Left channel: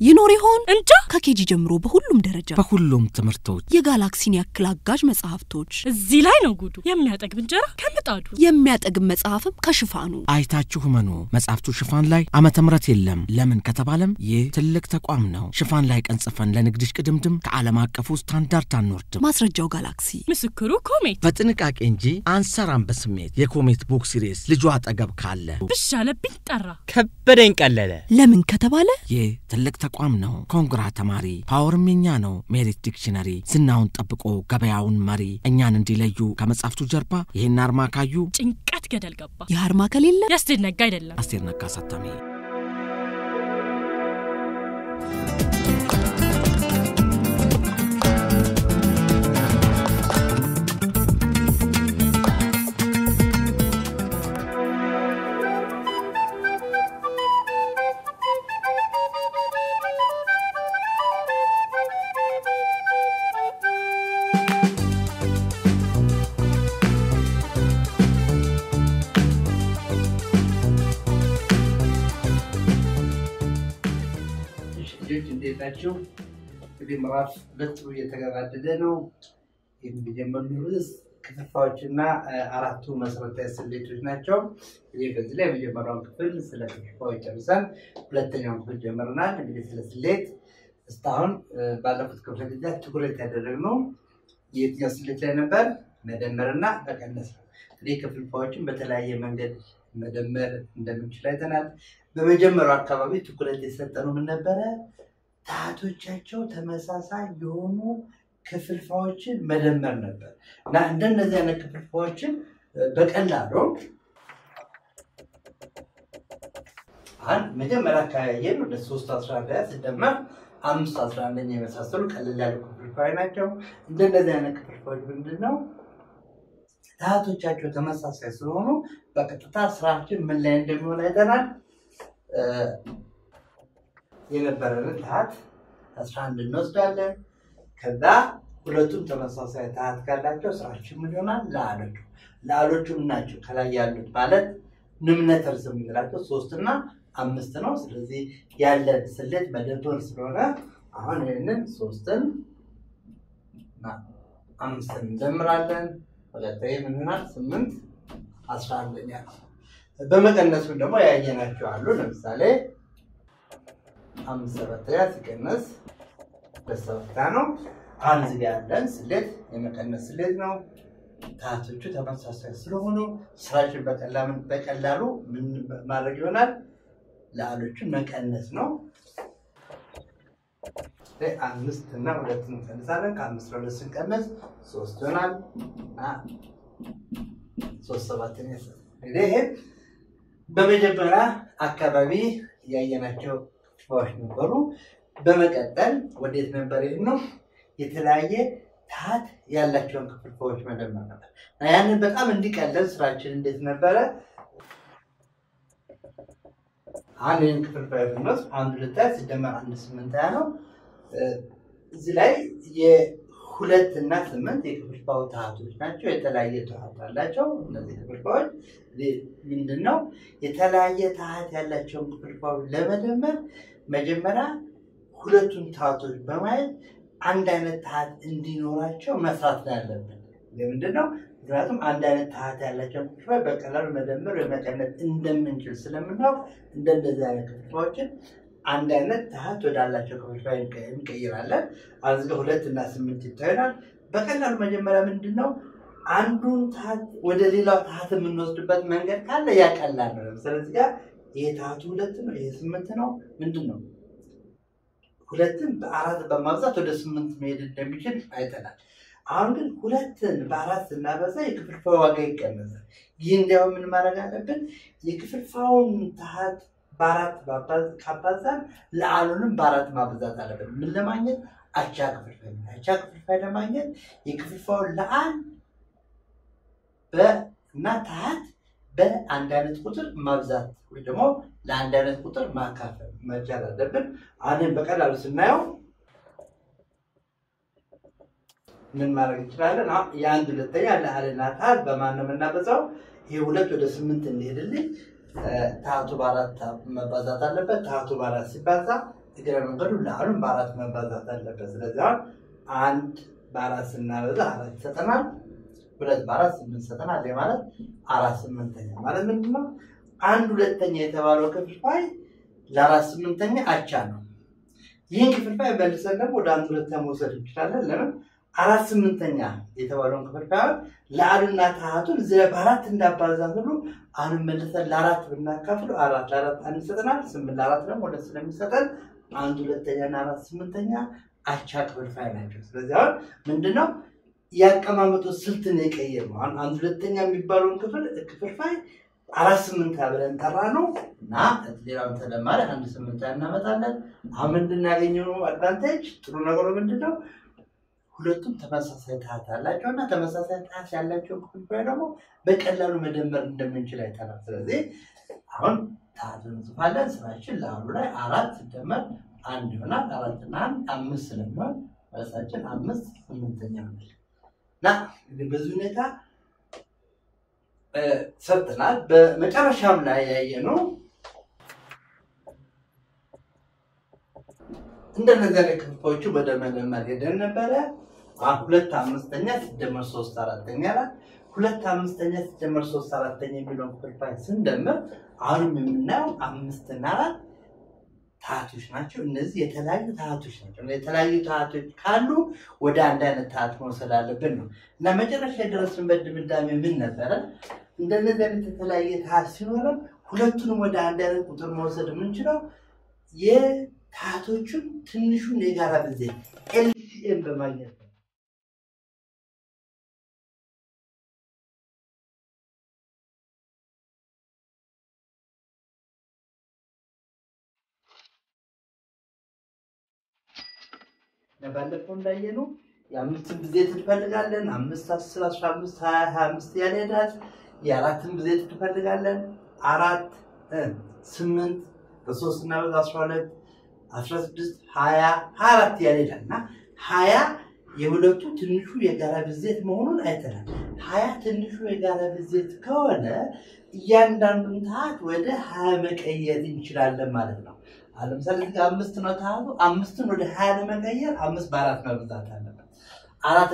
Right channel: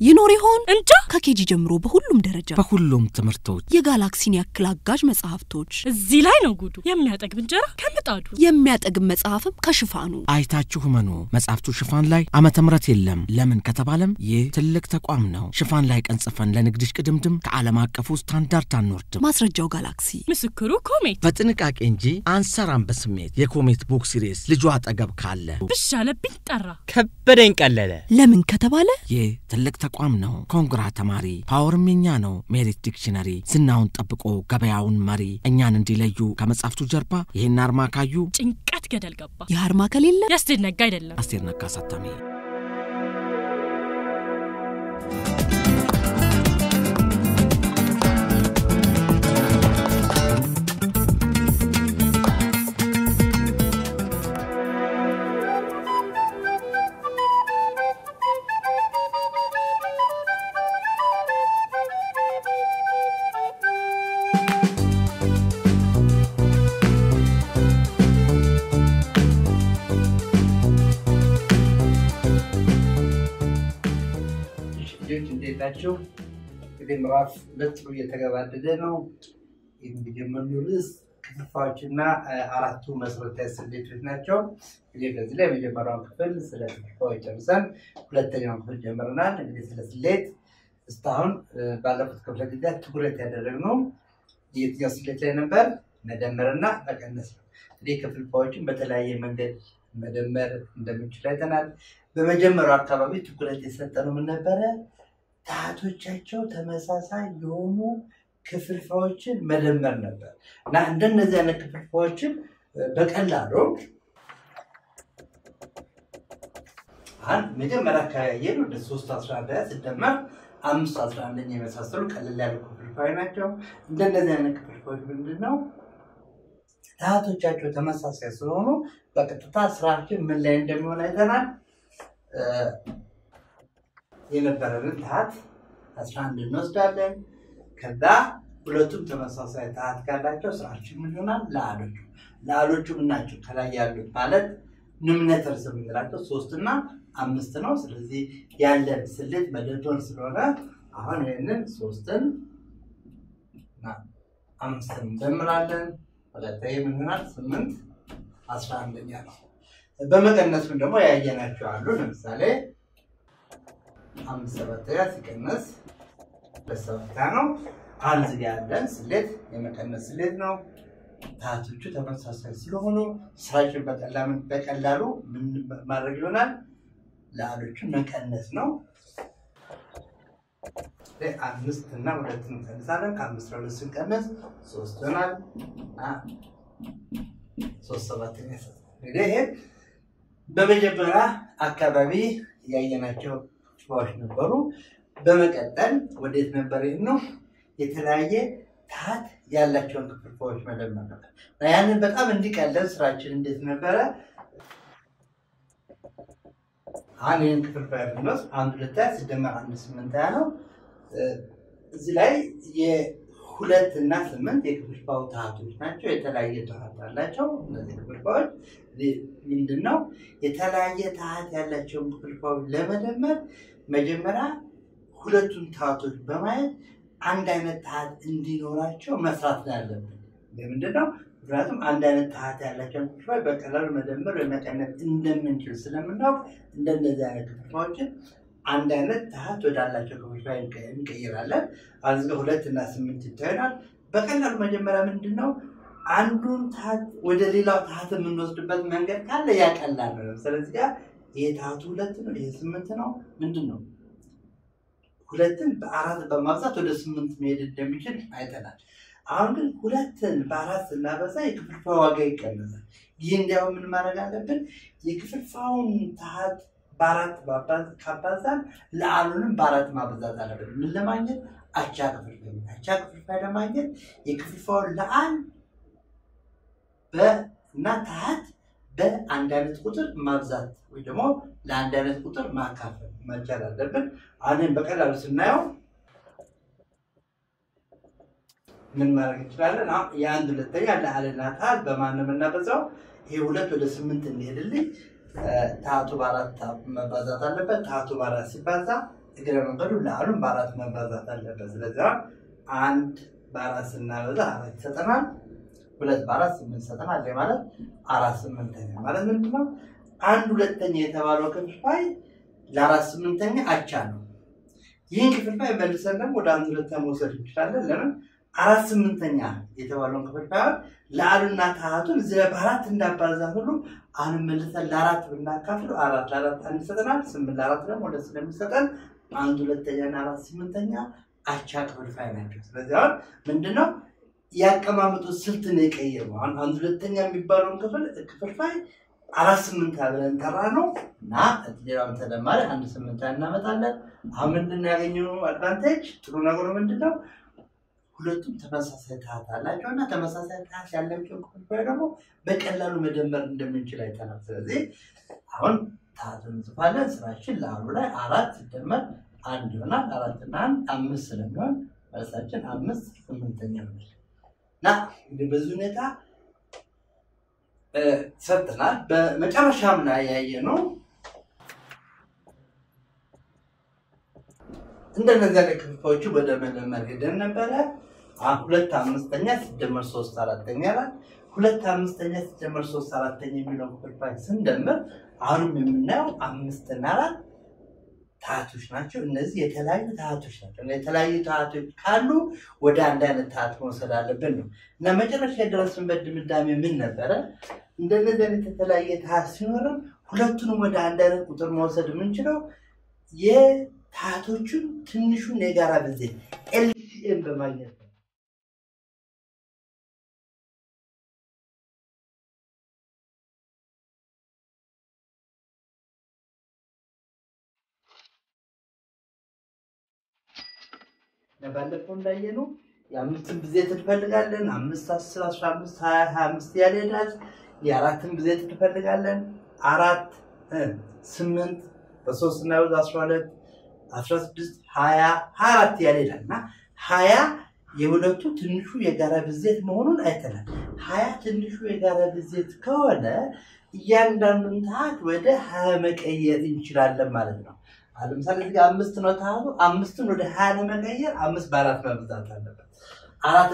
ይኖር ይሆን እንጃ ከኬጂ ጀምሮ በሁሉም ደረጃ በሁሉም ትምህርቶች የጋላክሲን ያክል አጋዥ መጽሐፍቶች እዚህ ላይ ነው ጉዱ የሚያጠግብ እንጀራ ከምጣዱ የሚያጠግብ መጽሐፍም ከሽፋኑ አይታችሁ መኑ መጽሐፍቱ ሽፋን ላይ ዓመተ ምህረት የለም ለምን ከተባለም ይህ ትልቅ ተቋም ነው ሽፋን ላይ ቀንጽፈን ለንግድሽ ቅድምድም ከዓለም አቀፉ ስታንዳርድ አንወርድም ማስረጃው ጋላክሲ ምስክሩ ኮሜት በጥንቃቄ እንጂ አንሰራም በስሜት የኮሜት ቡክ ሲሪስ ልጇ አጠገብ ካለ ብሻለብኝ ጠራ ከበደኝ ቀለለ ለምን ከተባለ ይህ ትልቅ ተቋም ነው ኮንግራ ተማሪ ፓወርም የኛ ነው ሜሪት ዲክሽነሪ ዝናውን ጠብቆ ገበያውን መሪ እኛን እንዲለዩ ከመጽሐፍቱ ጀርባ ይሄን አርማ ካዩ ጭንቀት ገደል ገባ የአርማ ከሌለ ያስደነጋ አይደለም አስቴር ነጋ ሳታሚ ናቸው ምዕራፍ 2 እየተገባደደ ነው የሚጀምረው ርዕስ ክፍልፋዎችና አራቱ መሰረታዊ ስሌቶች ናቸው በዚህ ላይ መጀመሪያውን ክፍል ስለ ክፍልፋዎች ጨርሰን ሁለተኛውን ክፍል ጀምረናል እንግዲህ ስለ ስሌት እስካሁን ባለፉት ክፍለ ጊዜያት ትኩረት ያደረግነው የትኛው ስሌት ላይ ነበር መደመርና መቀነስ ነው እንግዲህ ክፍልፋዎችን በተለያየ መንገድ መደመር እንደምንችል አይተናል በመጀመሪያው አካባቢ ትኩረት የሰጠነው ምን ነበር ታቶቻቸው ተመሳሳይ የሆኑ ክፍልፋዎችን መደመር ነበር እና እንደነዚህ አይነት ክፍልፋዎችን በቀላሉ አንድ መጀመሪያ ካየን ወደ 311 ሲደመር 511 የመሳሰሉ ቀላል ያሉ ክፍልፋዮች ናቸው እንደነዚህ አይነት ክፍልፋዮች ምንድነው ታቶቻቸው ተመሳሳይ ስለሆኑ በቀጥታ ስራችን ምን ላይ እንደሚሆን አይተናል የነበረን ታት 11 እንወስዳለን ከዛ ሁለቱም ተመሳሳይ ታት ካላቸው ስራችን ምን ይሆናል ላሎቹ ናቸው ከላይ ያሉት ማለት ንምነተር ስምንላቸው 3 እና 5 ነው ስለዚህ ያለን ስሌት መደመር ስለሆነ አሁን ይሄንን 3ን እና 5ን እንደምራለን ወለታይ ምን ይሆናል 8 11ኛ ነው በመቀነሱም ደግሞ ያየናቸው አሉ ለምሳሌ 5 7 ሲቀነስ በሰውታ ነው አንዝ ያለን ስሌት የመቀነስ ስሌት ነው ታቶቹ ተመሳሳይ ስለሆኑ ስራችን በቀላሉ ምን ማድረግ ይሆናል ላሎቹን መቀነስ ነው 5 እና 2 እንቀንሳለን ከ5 2 ስንቀንስ 3 ይሆናል እና 3 7 ነው እንግዲህ በመጀመሪያ አካባቢ ያየናቸው ክፍልፋዮች ነበሩ በመቀጠል ወዴት ነበር ነው የተለያየ ታት ያላቸውን ክፍልፋዮች መደመር ነበር ያንን በጣም እንዲቀለል ስራችን እንዴት ነበር አንድን ክፍልፋይ ብንወስድ 1 2 ሲደመር 1 8 ነው እዚህ ላይ የ2 እና 8 የክፍልፋዩ ታቶች ናቸው የተለያየ ታት አላቸው እነዚህ ክፍልፋዮች ምንድነው የተለያየ ታት ያላቸውን ክፍልፋዮች ለመደመር መጀመሪያ ሁለቱን ታቶች በማየት አንድ አይነት ታት እንዲኖራቸው መስራት ያለብን ለምንድነው ምክንያቱም አንድ አይነት ታት ያላቸው ክፍልፋዮች በቀላሉ መደመር ወመቀነስ እንደምንችል ስለምናውቅ እንደነዚህ አይነት ክፍልፋዮችን አንድ አይነት ታት ወዳላቸው ክፍልፋዮች እንቀይራለን አዝገ 2 እና 8 ይታያል በቀላሉ መጀመሪያ ምንድነው አንዱን ታት ወደ ሌላው ታት የምንወስድበት መንገድ ካለ ያቀላል ነው ስለዚህ ጋር ይሄ ታቱ 2 ነው ይሄ 8 ነው ምንድነው ሁለትን በ4 በማብዛት ወደ 8 መሄድ እንደሚችል አይተናል አሁን ግን ሁለትን በ4 ስናበዛ የክፍልፋዩ ዋጋ ይቀንሳል ይሄ እንዲያው ምን ማድረግ አለብን የክፍልፋዩን ታት በ4 ካባዛን ለአሉንም በ4 ማብዛት አለብን ምን ለማግኘት አቻ ክፍልፋይ ለማግኘት የክፍልፋዩን ለአን በእና ታት በአንድ አይነት ቁጥር ማብዛት ወይ ደግሞ ለአንድ አይነት ቁጥር ማካፈል መቻል አለብን አሁን በቀላሉ ስናየው ምን ማድረግ እንችላለን የአንድ ሁለተኛ ለአልና ታት በማን ነው የምናበዛው ይሄ 2 ወደ 8 እንሄድልኝ ታቱ በ4 መባዛት አለበት ታቱ በ4 ሲባዛ እግረ መንገዱ ለአሉን በአራት መባዛት አለበት። ስለዚህ አንድ በአራት ስናበዛ አራት ይሰጠናል። ሁለት በአራት ስምንት ይሰጠናል። ማለት አራት ስምንተኛ ማለት ምንድነው? አንድ ሁለተኛ የተባለው ክፍልፋይ ለአራት ስምንተኛ አቻ ነው። ይህን ክፍልፋይ መልሰን ደግሞ ወደ አንድ ሁለተኛ መውሰድ እንችላለን። ለምን? አራት ስምንተኛ የተባለውን ክፍልፋይ ለአሉና ታሃቱን እዚህ በአራት እንዳባዛ ሁሉ አሁን መልሰን ለአራት ብናካፍሉ አራት ለአራት አንድ ይሰጠናል። ስምንት ለአራት ደግሞ ሁለት ስለሚሰጠን አንድ ሁለተኛና አራት ስምንተኛ አቻ ክፍልፋይ ናቸው። ስለዚህ አሁን ምንድነው ያቀማመጡ ስልት ነው የቀየረው። አንድ ሁለተኛ የሚባለውን ክፍልፋይ አራት ስምንት ብለን ጠራነው እና ሌላውን ተደማሪ አንድ ስምንት እናመጣለን። አሁን ምንድነው ያገኘነው አድቫንቴጅ? ጥሩ ነገሩ ምንድነው? ሁለቱም ተመሳሳይ ታሃት አላቸውና ተመሳሳይ ታሃት ያላቸው ክፍልፋይ ደግሞ በቀላሉ መደመር እንደምንችል አይተናል። ስለዚህ አሁን ታሃቱን እንጽፋለን። ስራችን ለአሉ ላይ አራት ሲደመር አንድ ይሆናል። አራት እና አንድ አምስት ስለሚሆን መልሳችን አምስት ስምንተኛ ነው። እና በዚህ ሁኔታ ሰርተናል። በመጨረሻም ላይ ያየነው እንደነዚህ ክፍልፋዮቹ በደመደመር ሄደን ነበረ። ሁለት አምስተኛ ሲደመር ሶስት አራተኛ ላይ ሁለት አምስተኛ ሲደመር ሶስት አራተኛ የሚለውን ክፍልፋይ ስንደምር አሁንም የምናየው አምስት እና አራት ታሃቶች ናቸው። እነዚህ የተለያዩ ታሃቶች ናቸው። የተለያዩ ታሃቶች ካሉ ወደ አንድ አይነት ታሃት መውሰድ አለብን ነው እና መጨረሻ የደረስንበት ድምዳሜ ምን ነበረ? እንደነዚህ አይነት የተለያየ ታሃት ሲኖረን ሁለቱንም ወደ አንድ አይነት ቁጥር መውሰድ የምንችለው የታሃቶቹን ትንሹን የጋራ ብዜት ኤልሲኤም በማግኘት ነው። ባለፈው እንዳየነው የአምስትን ብዜት እንፈልጋለን። 5 10 15 20 25 ያለ ይላል። የአራትን ብዜት እንፈልጋለን። 4 8 በ3 እና በ12 16 20 24 ያለ ይላልና 20 የሁለቱ ትንሹ የጋራ ብዜት መሆኑን አይተናል። 20 ትንሹ የጋራ ብዜት ከሆነ እያንዳንዱን ታሃት ወደ 20 መቀየር እንችላለን ማለት ነው። ለምሳሌ እዚህ ጋር 5 ነው ታሃቱ። 5ን ወደ 20 ለመቀየር 5 በ4 መብዛት አለበት። 4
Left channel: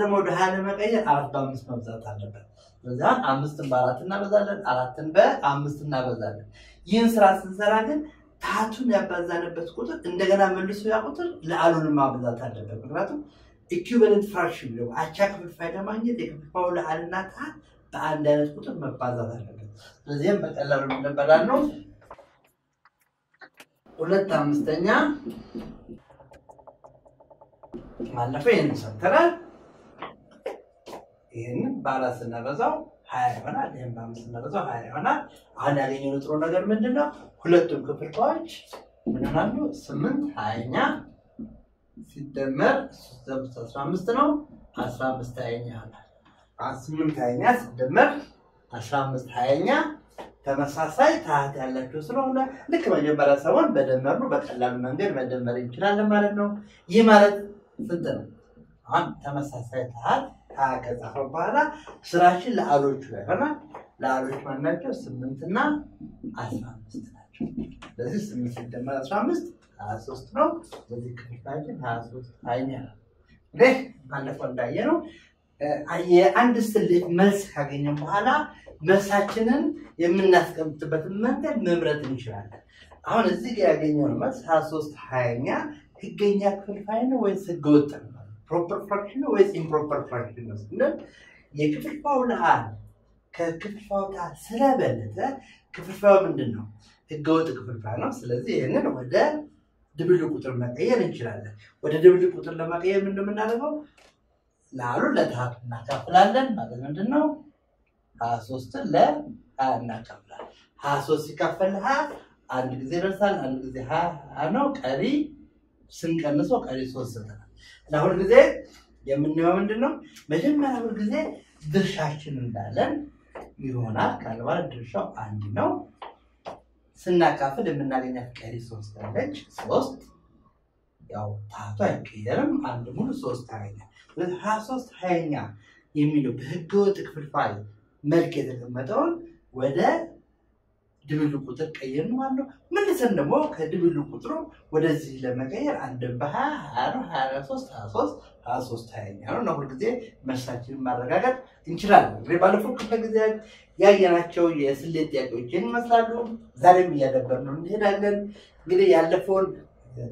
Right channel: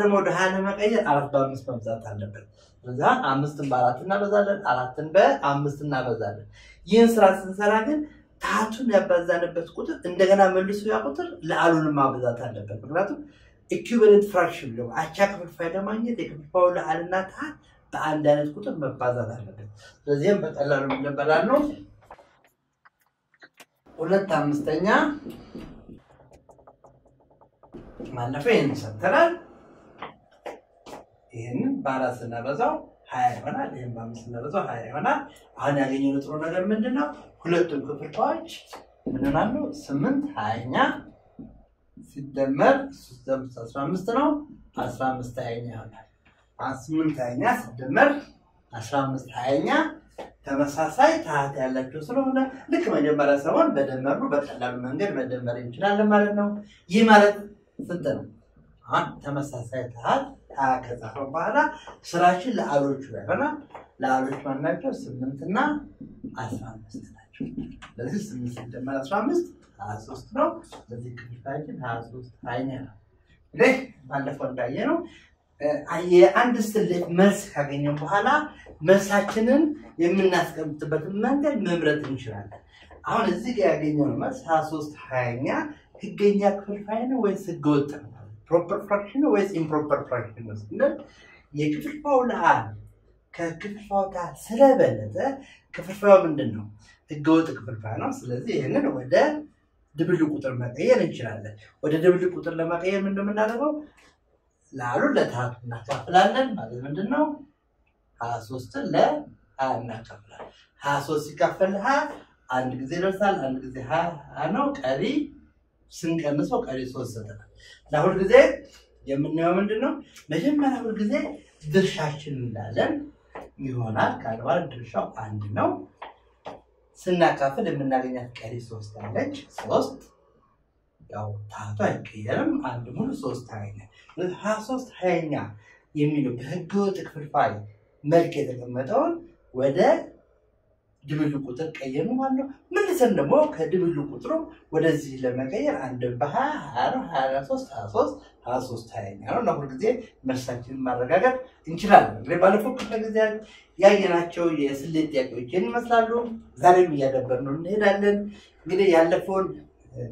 ደግሞ ወደ 20 ለመቀየር 4 በ5 መብዛት አለበት። ስለዚህ 5ን በ4 እናበዛለን፣ 4ን በ5 እናበዛለን። ይህን ስራ ስንሰራ ግን ታሃቱን ያባዛንበት ቁጥር እንደገና መልሶ ያ ቁጥር ለአሉን ማብዛት አለበት። ምክንያቱም ኢኩዊቫለንት ፍራክሽን ነው። አቻ ክፍልፋይ ለማግኘት የክፍልፋዩ ለአልና ታሃት በአንድ አይነት ቁጥር መባዛት አለበት። ስለዚህም በቀላሉ እንበላለን። ሁለት አምስተኛ ማለፈው ይሄን ሰጥተናል። ይሄን በአራት ስናበዛው 20 ይሆናል። ይሄን በአምስት ስናበዛው 20 ይሆናል። አሁን ያገኘነው ጥሩ ነገር ምንድነው? ሁለቱም ክፍልፋዮች ምን ይሆናሉ? 8 20ኛ ሲደመር 3 15 ነው 15 20ኛ ይሆናል። 8 20ኛ ሲደመር 15 20ኛ ተመሳሳይ ታሃት ያላቸው ስለሆነ ልክ መጀመሪያ ሰሞን በደመሩ በቀላሉ መንገድ መደመር እንችላለን ማለት ነው። ይህ ማለት ስንት ነው? አሁን ተመሳሳይ ታሃት ከጻፈው በኋላ ስራችን ለአሎቹ ላይ ሆናል። ለአሎቹ ማናቸው? 8 እና 15 ናቸው። ስለዚህ 8 ሲደመር 15 23 ነው። ስለዚህ ክፍልፋያችን 23 20ኛ ነው። እንግዲህ ባለፈው እንዳየነው የአንድ ስሌት መልስ ካገኘን በኋላ መልሳችንን የምናስቀምጥበትን መንገድ መምረጥ እንችላለን። አሁን እዚህ ጋር ያገኘነው መልስ 23 20ኛ ህገኛ ክፍልፋይ ነው ወይስ ህገወጥ ነው? ፕሮፐር ፍራክሽን ነው ወይስ ኢምፕሮፐር ፍራክሽን ነው? ስንል የክፍልፋዩ ለአል ከክፍልፋዩ ታሃት ስለበለጠ ክፍልፋዩ ምንድነው? ህገወጥ ክፍልፋይ ነው። ስለዚህ ይሄንን ወደ ድብልቅ ቁጥር መቀየር እንችላለን። ወደ ድብልቅ ቁጥር ለመቀየር ምንድነው የምናደርገው? ለአሉ ለታሃቱ እናካፍላለን ማለት ምንድነው? 23ን ለ20 እናካፍላለን። 23 ሲካፈል 20 አንድ ጊዜ ይደርሳል። አንድ ጊዜ 20 ነው። ቀሪ ስንቀንሰው ቀሪ 3 ሰጠናል። እና ሁሉ ጊዜ የምናየው ምንድነው? መጀመሪያ ሁሉ ጊዜ ድርሻችን እንዳለን ይሆናል። ካልባል ድርሻው 1 ነው። ስናካፍል የምናገኛት ቀሪ 3 አለች። 3 ያው ታሃቱ አይቀየርም። አንድ ሙሉ 3 20ኛ 23 20ኛ የሚለው በህገወጥ ክፍልፋይ መልክ የተቀመጠውን ወደ ድብልቅ ቁጥር ቀየኑ ማለት ነው። መልሰን ደግሞ ከድብልቅ ቁጥሩ ወደዚህ ለመቀየር አንድ በ20 23 20ኛ ነው እና ሁልጊዜ መልሳችንን ማረጋገጥ እንችላለን። እንግዲህ ባለፈው ክፍለ ጊዜያት ያየናቸው የስሌት ጥያቄዎችን ይመስላሉ። ዛሬም እያደበርነው እንሄዳለን። እንግዲህ ያለፈውን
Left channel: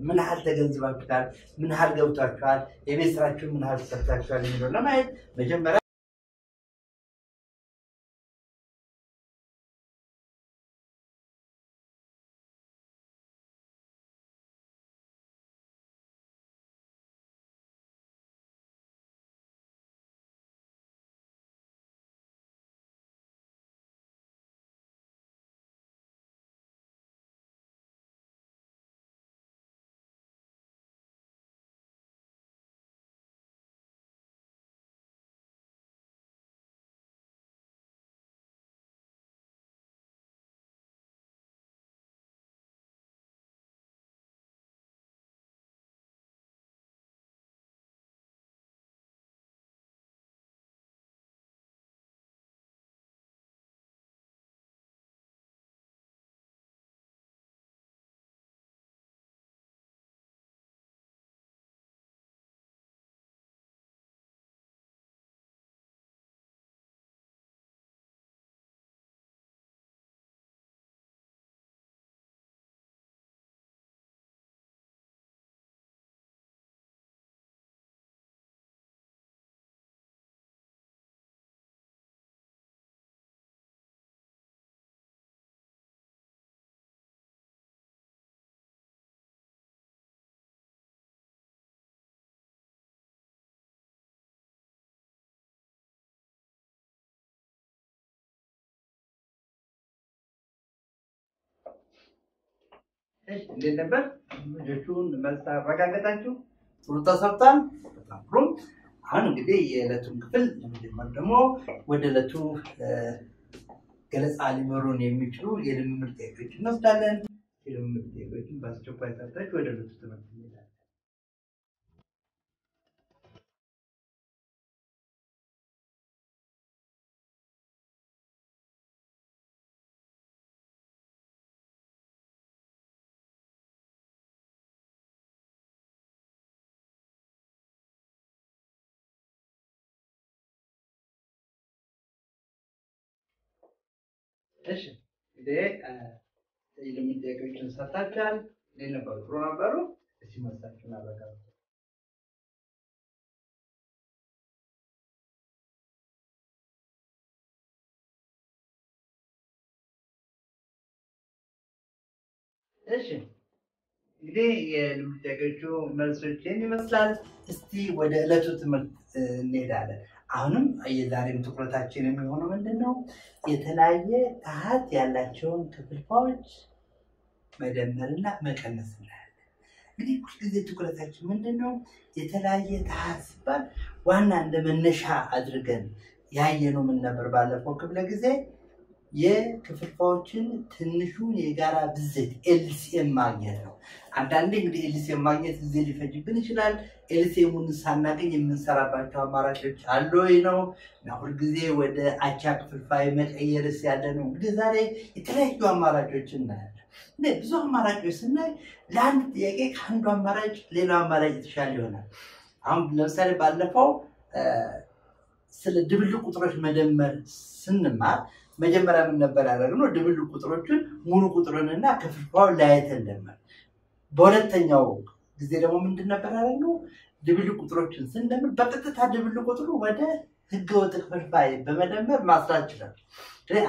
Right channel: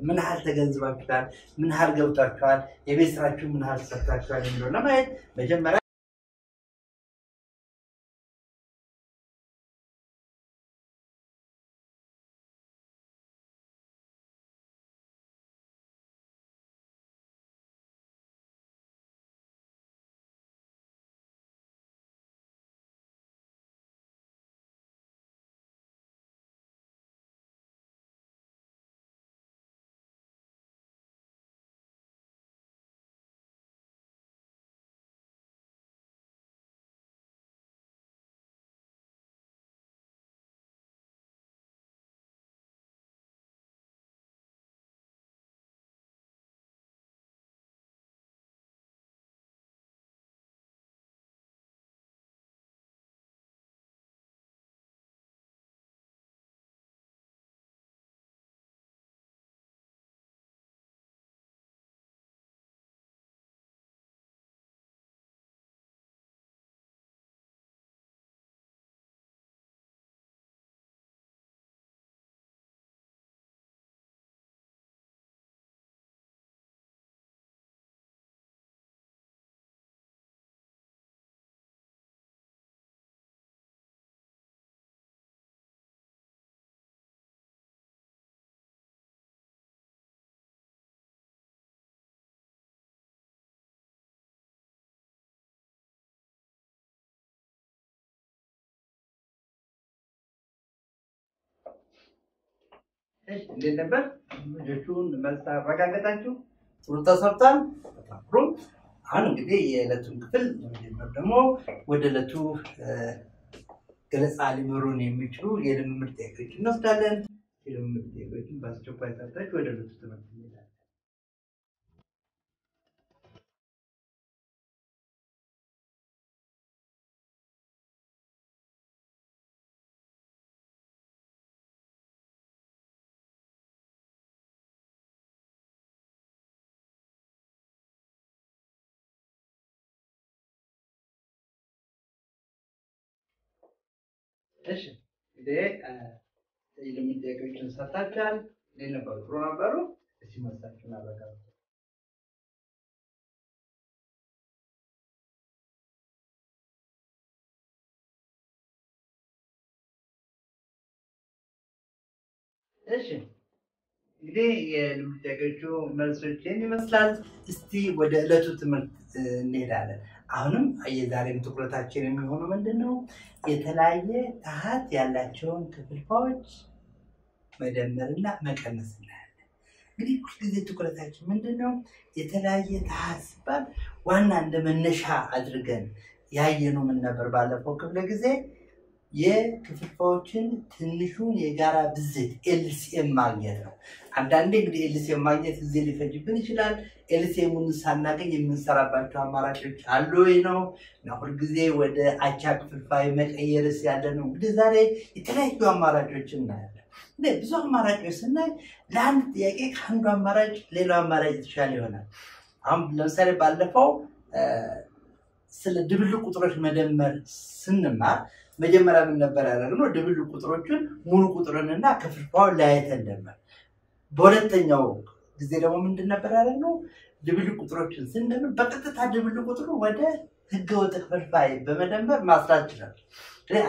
ምን ያህል ተገንዝባችኋል? ምን ያህል ገብታችኋል? የቤት ስራችሁ ምን ያህል ሰርታችኋል የሚለው ለማየት መጀመሪያ እንዴት ነበር? ልጆቹን መልስ አረጋገጣችሁ? ጥሩ ተሰርቷል። በጣም ጥሩ። አሁን እንግዲህ የዕለቱን ክፍል ለመጀመር ደግሞ ወደ ዕለቱ ገለጻ ሊመሩን የሚችሉ የልምምድ ጥያቄዎችን እንወስዳለን። የልምምድ ጥያቄዎችን በአስቸኳይ ሰርታችሁ ወደ ዕለቱ ትምህርት እንሄዳለን። እሺ እንግዲህ የልምምድ ጥያቄዎችን ሰርታችኋል። እንዴት ነበሩ? ጥሩ ነበሩ? እስኪ መልሳችሁን አረጋግጡ። እሺ እንግዲህ የልምምድ ጥያቄዎቹ መልሶችን ይመስላል። እስቲ ወደ ዕለቱ ትምህርት እንሄዳለን። አሁንም የዛሬም ትኩረታችን የሚሆነው ምንድነው? የተለያየ ታሃት ያላቸውን ክፍልፋዮች መደመርና መቀነስ እናያለን። እንግዲህ ሁልጊዜ ትኩረታችን ምንድነው? የተለያየ ታሃት ሲባል ዋና እንደ መነሻ አድርገን ያየነው ምን ነበር? ባለፈው ክፍለ ጊዜ የክፍልፋዮችን ትንሹን የጋራ ብዜት ኤልሲኤም ማግኘት ነው። አንዳንዴ እንግዲህ ኤልሲኤም ማግኘት ጊዜ ሊፈጅብን ይችላል። ኤልሲኤሙን ሳናገኝ የምንሰራባቸው አማራጮች አሉ ወይ ነው እና ሁልጊዜ ወደ አቻ ክፍልፋይ መቀየርስ ያለ ነው። እንግዲህ ዛሬ የተለያዩ አማራጮችን እናያለን። ብዙ አማራጮች ስናይ ለአንድ ጥያቄ ከአንዱ አማራጭ ሌላው አማራጭ የተሻለ ይሆናል። አሁን ለምሳሌ ባለፈው ስለ ድብልቅ ቁጥሮች መደመር ስንማር መጀመሪያ ምን ነበር ያደረግነው? ድብልቅ ቁጥሮችን ሙሉ ቁጥሩንና ክፍልፋዩን ለያይተን ደመር። በሁለተኛው ጊዜ ደግሞ ምንድን ነበር ያደረግነው? ድብልቅ ቁጥሮችን ስንደምር በቀጥታ ድብልቅ ቁጥሩ ወደ ህገወጥ ክፍልፋይ በመደመር ማስላት ይችላል።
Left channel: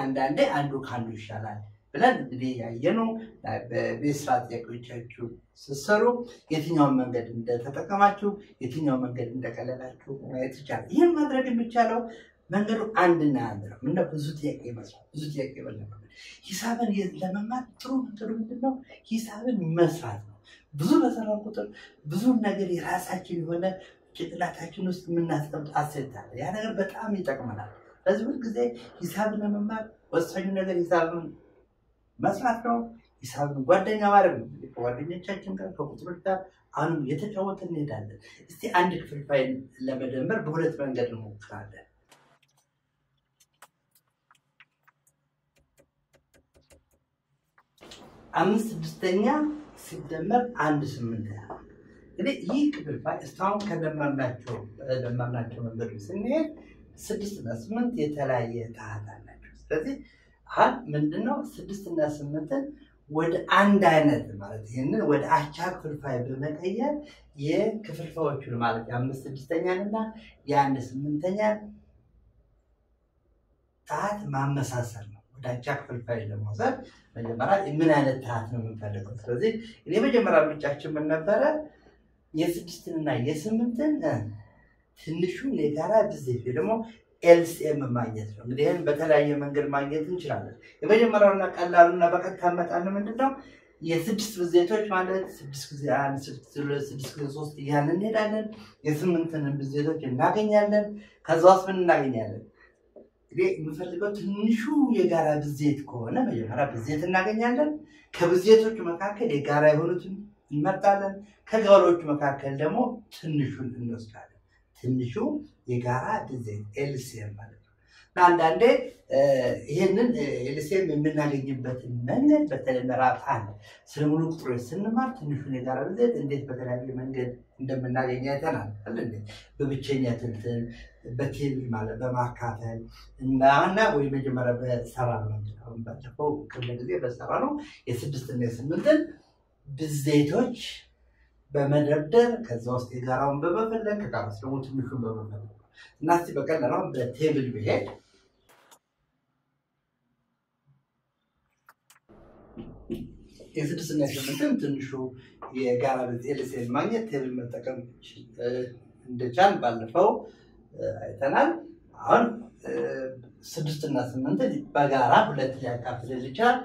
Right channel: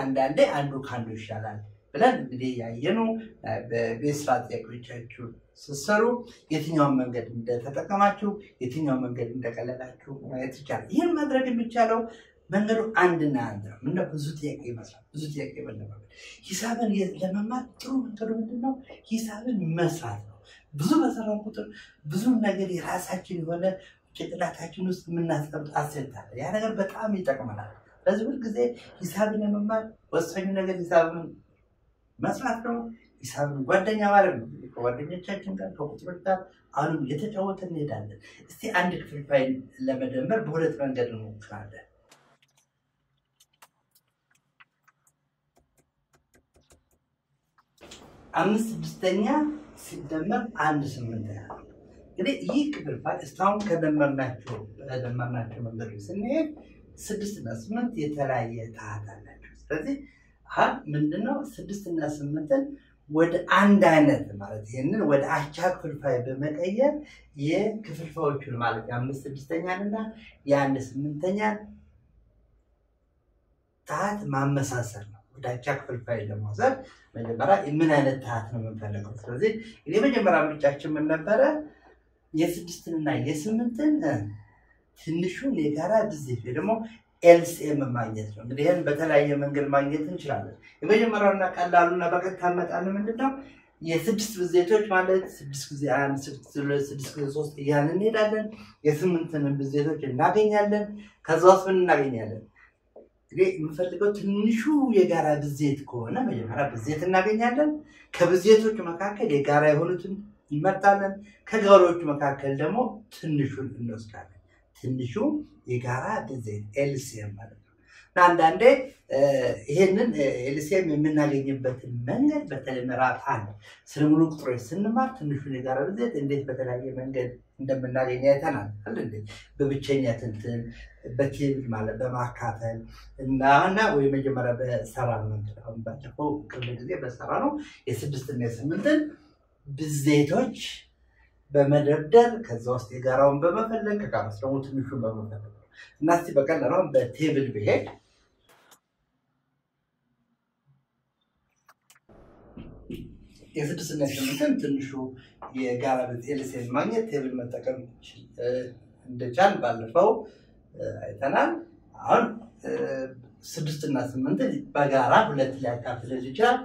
አንዳንዴ አንዱ ካንዱ ይሻላል ብለን እንግዲህ ያየነው በቤት ስራ ጥያቄዎቻችሁ ስትሰሩ የትኛውን መንገድ እንደተጠቀማችሁ የትኛውን መንገድ እንደቀለላችሁ ማየት ይቻላል። ይህን ማድረግ የሚቻለው መንገዱ አንድና አንድ ነው። ምን ብዙ ጥያቄ መስራት ብዙ ጥያቄ መለማመድ። ሂሳብን ለመማር ጥሩ መንገዱ ምንድነው? ሂሳብን መስራት ነው። ብዙ በሰራን ቁጥር ብዙ ነገር የራሳችን የሆነ ጭንቅላታችን ውስጥ የምናስቀምጥ አሴት አለ። ያ ነገር በጣም ይጠቅመናል። ስለዚህ ሁልጊዜ ሂሳብን ለመማር ወሳኙ ነገር ሂሳብን መስራት ነው። ሂሳብን ጓደኛ ማድረግ ነው። ከጓደኞቻችን ጋር ከቁጥሮች ጋር አሁንም እየተጫወትን እንሄዳለን። እስቲ አንድ ክፍልፋይ ለመደመር በሁለት መንገድ እንሞክራለን። 5 ስድስተኛ ሲደመር 1 8ኛ እንግዲህ ይህ ክፍልፋይ እስካሁን ከደመርናቸው መንገዶች ስንሄድ 6 እና 8 የተለያየ ታህት አላቸው። ስለዚህ አሁን ምንድነው 6 እና 8ን ወደ አንድ አይነት ማለት ይሄንን ወደ አቻ ክፍልፋይ በመቀየር የክፍልፋዮቹን ማለት የ5 ስድስተኛንና የ1 8ኛን ታህት ማመሳሰል ነው። ወደ አቻ ክፍልፋይ ለመውሰድ መጀመሪያ ምን አይነት ታህት ነው የምንፈልገው? ስለዚህ የመጀመሪያ ምርጫችን ምን ነበረ? የ6ና የ8ን ትንሹን የጋራ ብዜት ወይ ደግሞ ኤልሲኤም ማግኘት ነው። እንግዲህ ይሄን በተለያየ መንገድ ማግኘት እንችላለን። የመጀመሪያውና ቀላሉና በቀጥታ መጣን ምንድነው? የ6 ብዜቶች ማለት 6 ጊዜ 1 6 ጊዜ 3 እያልን እንሄዳለን። የ8ን ብዜቶች እናገኛለን። ከዛ ውስጥ ምን እናገኛለን? እንግዲህ የምንፈልገው ትንሹ የጋራ ብዜት ከሆነ መጀመሪያ ብዜት እናገኛለን። ከብዜቶቹ መካከል የጋራ የሆኑትን እንመርጣለን። ከጋራዎቹ መካከል ደግሞ ትንሹን እንወስዳለን። ትንሹ የጋራ ብዜት ኤልሲኤም ማለት ነው። አንዳንዴ ይሄንን ኤልሲኤም የምናገኝበትን መንገድ በተለይ ምዕራፍ 1 ስለ ሙሉ ቁጥሮች ስንማር ትንሹን የጋራ ብዜት እንዴት በተለያየ መንገድ እንደምናገኝ አይተናል አይደል? በብቸኛ ትንትን በቴብል ማለት በማካፈል እና ወይ መጀመሪያ በሰራ ነው። አሁን ባለፈው ክፍለ ጊዜ በሰራ ነው የ6 እና የ8ን ብዜቶች በመደርደር ከዛ ውስጥ የጋራውን በመፈለግ ከጋራው ደግሞ ትንሹን በመፈለግ እና እስቲ በቀላሉ በቴብል ብሄድ የ6 እና የ8ን ትንሹ የጋራ ብዜት ኤልሲኤም ማግኘት ቴብል መጠቀም እንደቻል ባለፈው አይተናል። አሁን 6 እና 8ን በጋራ ሁለት ሊያካፍል ይችላል።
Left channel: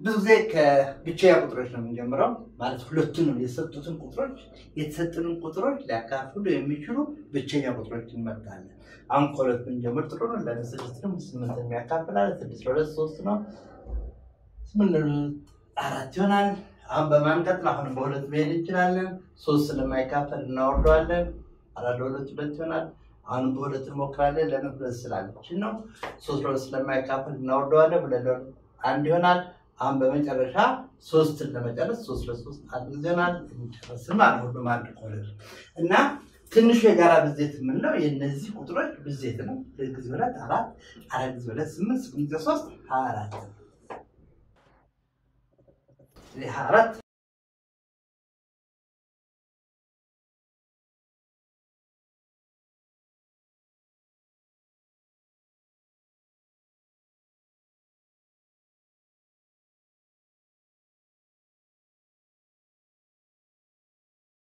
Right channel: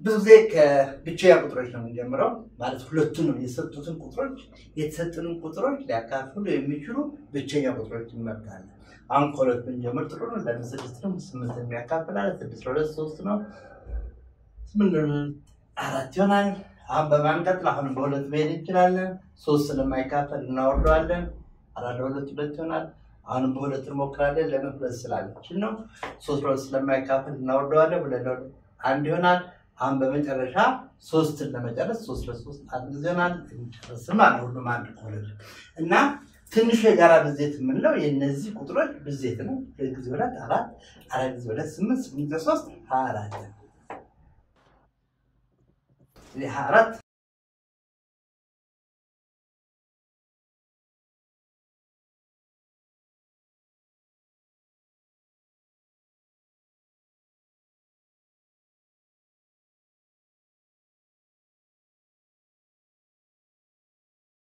ብዙ ጊዜ ከብቸኛ ቁጥሮች ነው የምንጀምረው ማለት ሁለቱንም የሰጡትን ቁጥሮች የተሰጡንን ቁጥሮች ሊያካፍሉ የሚችሉ ብቸኛ ቁጥሮች እንመርጣለን። አሁን ከሁለት ብንጀምር ጥሩ ነው። ለምን 6 ነው 8 የሚያካፍላል 6 2 3 ነው 8 4 ይሆናል። አሁን በማንቀጥል አሁን በሁለት መሄድ እንችላለን። 3 ስለማይካፈል እናወርደዋለን። 4 2 2 ይሆናል። አሁን በሁለት እንሞክራለን። ለምን ሁለት ስላለች ነው። 3 2 ስለማይካፈል እናወርደዋለን። 2 2 1 ይሆናል። አሁን በመጨረሻ 3ን ለመጨረስ 3 ለ3 አንድ ጊዜ ይሆናል። እንጨርስም አለ ሁሉም አንድ ኮለል እና ትንሹ የጋራ ብዜት የምንለው የነዚህ ቁጥሮች ብዜት ነው። 2 ጊዜ 2 4 4 ጊዜ 2 8 8 ጊዜ 3 24 24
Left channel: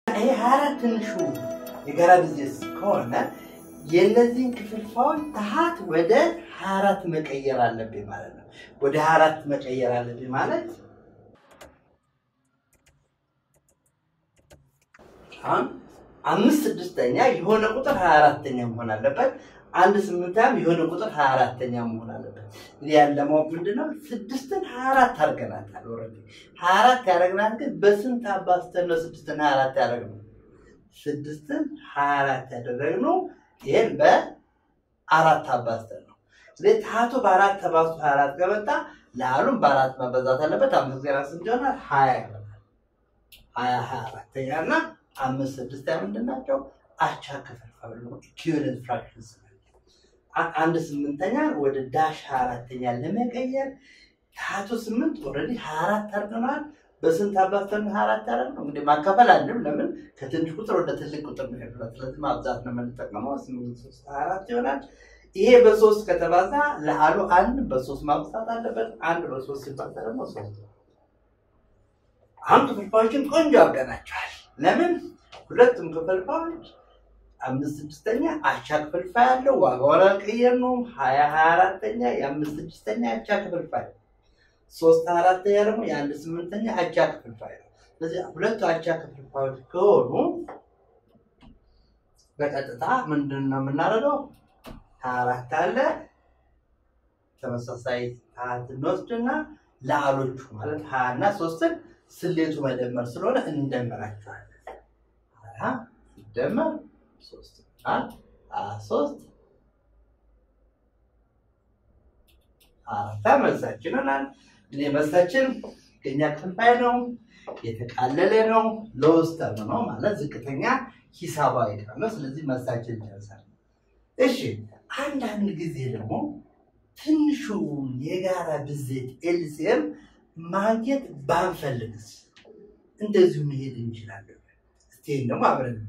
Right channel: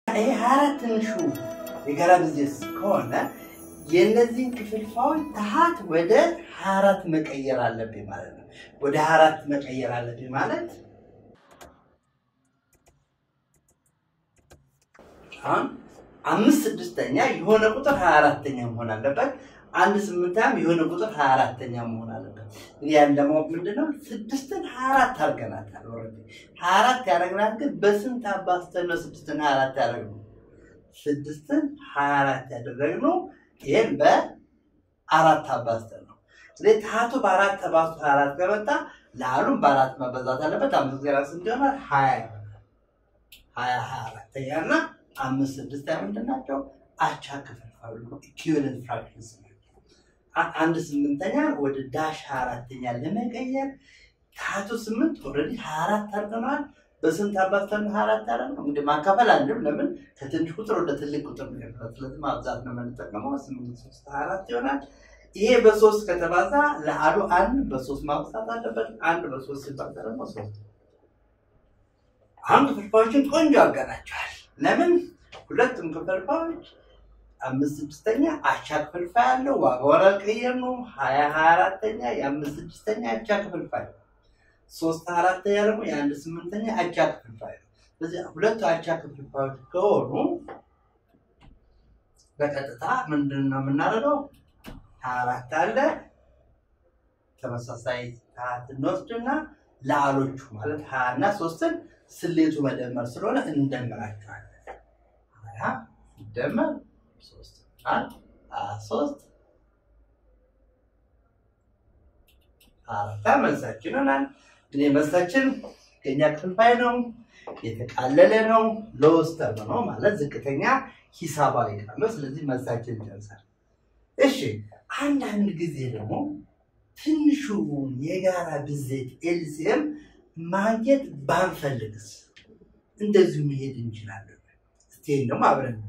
ይሄ 24 ትንሹ የጋራ ብዜት ከሆነ የነዚህን ክፍልፋዮች ታህት ወደ 24 መቀየር አለብኝ ማለት ነው። ወደ 24 መቀየር አለብኝ ማለት አሁን 5 ስድስተኛ የሆነ ቁጥር 24ኛ መሆን አለበት። 1 8ኛም የሆነ ቁጥር 24ኛ መሆን አለበት። ያን ደግሞ ምንድነው 6ን 24 አድርገናታል። ኦሬዲ 24 ያደረግናት ግን በስንት አባዝተን ነው 6ን 24 ያደረግነው? 6ን 24 ያደረግነው ይሄን በ4 አባዝተን ነው። ስለዚህ ታህቱ በ4 ተባዝቶ 24 ከመጣ ለአሉም በ4 መበዛት አለበት። 5 ጊዜ 4 ስንት ይሆናል? 20 ይሆናል። 24ኛና 5 ስድስተኛ ምንድን ናቸው? አቻ ክፍልፋዮች ነው። ኢኩዊቫለንት ፍራክሽንስ ነው። 1 8ኛ ወደ ዳሽ 24ኛ ለመቀየር ታህቱ 8 ኦሬዲ 24 አድርገናል። በስንት አባዝተን 24 አደረግነው? እንግዲህ ማካፈል አለው። ለምን ከትንሽ ቁጥር ወደ ትልቅ ቁጥር ነው ያለው። ስለዚህ ማብዛት ነው የምንጠቀመው። 8 3 24 ይሆናል። ይሄ በ3 ከተባዛ ለአሉ 1 በ3 ማብዛት አለበት። 1 በ3 ሲባዛ ደግሞ 3። አሁን ክፍልፋዮችን ቆንጆ አድርገናቸዋል። ለምን ሁለቱም ክፍልፋዮች 5 ስድስተኛ አቻ ክፍልፋይ አለው። ዋጋውን አልቀየርነውም። 20 24ኛ የ5 ስድስተኛ አቻ ክፍልፋይ 3 4ኛ ደግሞ የ1 8ኛ አቻ ክፍልፋይ ነው። ስለዚህ ሁለቱ አቻ ክፍልፋዮች ከሆኑ በቀጥታ ምንድነው የምናደርገው? 24 አለ ተመሳሳይ ታህት እንወስድና ለአሎቹ ማለት 20 እና 3ን ስሌቱ መደመር ስለሆነ እንደምራቸዋለን። 20 ሲደመር 3 3 4 መልሳችን ሆናል። እኔ መልሳችን ዝቅተኛ ክፍልፋይ ነው የተቃለለ ነው ሎስ ተርም ነው ማለት ዝቅተኛ ሂሳባዊ ቃል ነው ስለዚህ መልሳችን ይደርሳል እሺ አንዳንድ ጊዜ ደግሞ ትንሹ የጋራ ብዜት ኤልሲኤም ማግኘት ባንፈልግስ እንደዚሁ መሄድ እንችላለን እስቲ ነው አብረን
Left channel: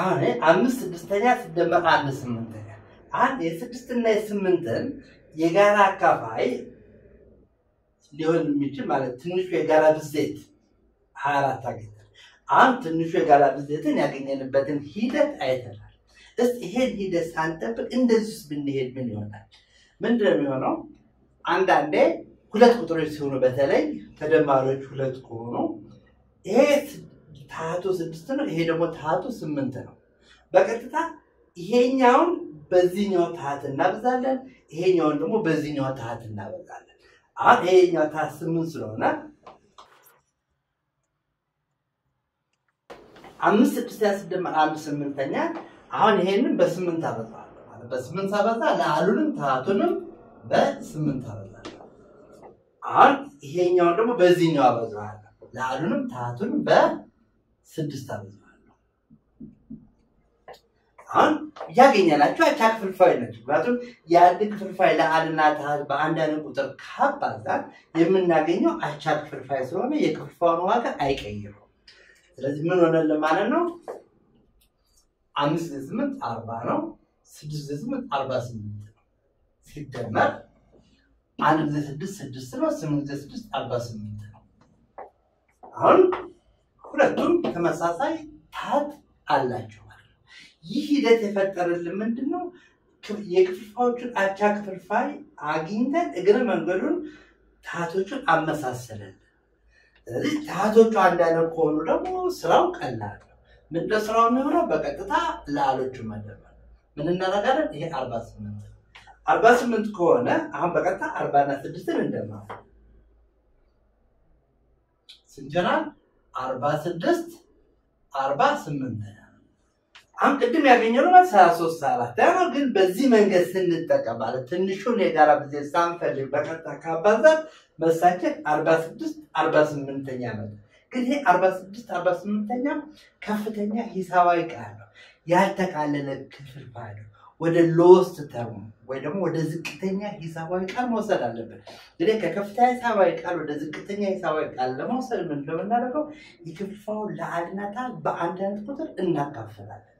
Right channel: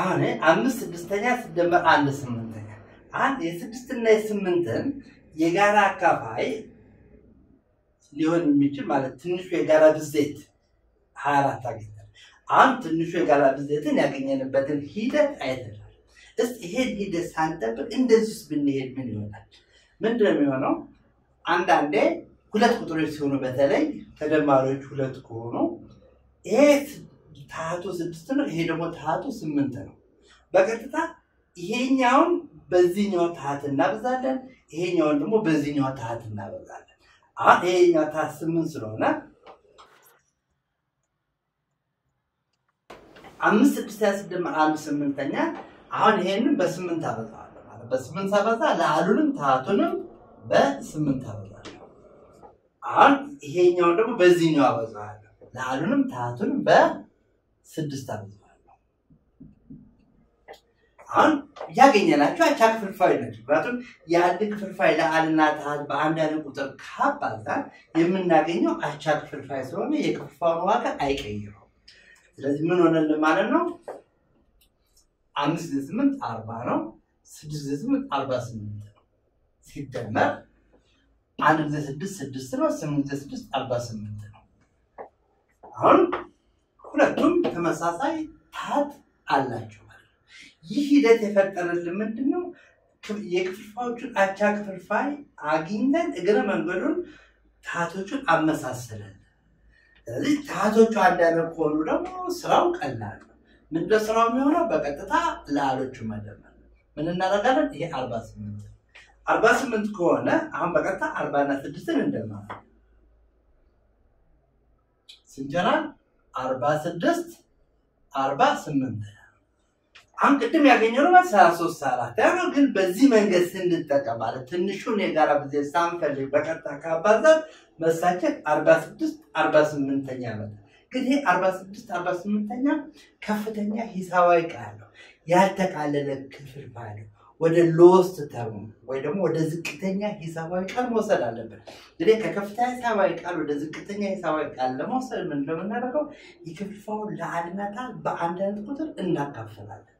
አሁን 5/6ኛ ሲደመር 1/8ኛ አንድ የ6 እና የ8ን የጋራ አካፋይ ሊሆን የሚችል ማለት ትንሹ የጋራ ብዜት 24 አግኝተን አሁን ትንሹ የጋራ ብዜትን ያገኘንበትን ሂደት አይተናል እስቲ ይሄን ሂደት ሳንጠብቅ እንደዚህ ብንሄድ ምን ይሆናል ምንድነው የሚሆነው አንዳንዴ ሁለት ቁጥሮች ሲሆኑ በተለይ ተደማሪዎች ሁለት ከሆኑ ይሄ ታቱ 6 ነው ይሄ ደግሞ ታቱ 8 ነው በቀጥታ ይሄኛውን በዚህኛው ታህት እናበዛለን ይሄኛውን ደግሞ በዚህኛው ታህት እናበዛለን አሁን ይሄኛው ታህት 8 ስለሆነ 5/6 ሲደመር 1/8ኛ አሁን ይሄንን በ8 አበዛዋለሁ ማለት በ8 አበዛ ለአሉንም ታህቱንም በ8 አበዛለሁ አሁን ይሄኛውን ደግሞ በዚህኛው አበዛዋለሁ ለአሉንም ታህቱንም በ6 አበዛዋለሁ አሁን ያገኘናቸው አቻ ክፍልፋይ ናቸው ምክንያቱም የአንድ ክፍልፋይ ለአልና ታህት በአንድ አይነት ቁጥር ካባዛን የምናገኘው አቻ ክፍልፋይ ስለሆነ የክፍልፋዩን ዋጋ አይቀይረውም ስለዚህ ምን ሆነልን ማለት ነው 5/8 40 ነው 6/8 48 ነው ሲደመር 1/6 6 ነው 8/6 48 ነው አሁን ሁለቱም ተመሳሳይ ታህት አላቸው ይህ ሂደት የፈጠረልን ምንድነው የክፍልፋዮቹን አቻ ክፍልፋይ አግኝተን እግረ መንገዱን ታህቶቹን አመሳሰለን ስለዚህ ታህቶቹ አንድ አይነት ከሆኑ ደግሞ ስራው ቀላል ነው ምንድነው ስራው የሚሆነው በቀጥታ ለአሎቹ መደመር ምን እናደርጋለን ይሄ 48 ከሆነ አሁን በቀጥታ 40 እና 6ን እንደማለን ስንጀራል 46 48 አሁን ቅድም ያገኘነው 33 4 ግን በዚህ መንገድ ስንጠቀም ማለት ትንሹን የጋራ ብዜት ሳንፈልግ በቀጥታ ካባዛን መልሳችን 46 48ኛ ነው ግን ይሄ 46 48ኛ ከፍተኛ ሂሳባዊ ቃል ነው ያልተቃለለ ክፍልፋይ ነው ወደ ሎስት ተርም ወይ ደግሞ ወደ ዝቅተኛ ሂሳባዊ ቃል መውሰድ አለበት እንግዲህ ከከፍተኛ ሂሳባዊ ቃል ወደ ዝቅተኛ ሂሳባዊ ቃል ለመውሰድ ምን እንደምናደርገው የክፍልፋዩን ለአልና ታህት በአንድ አይነት ቁጥር እናካፍላለን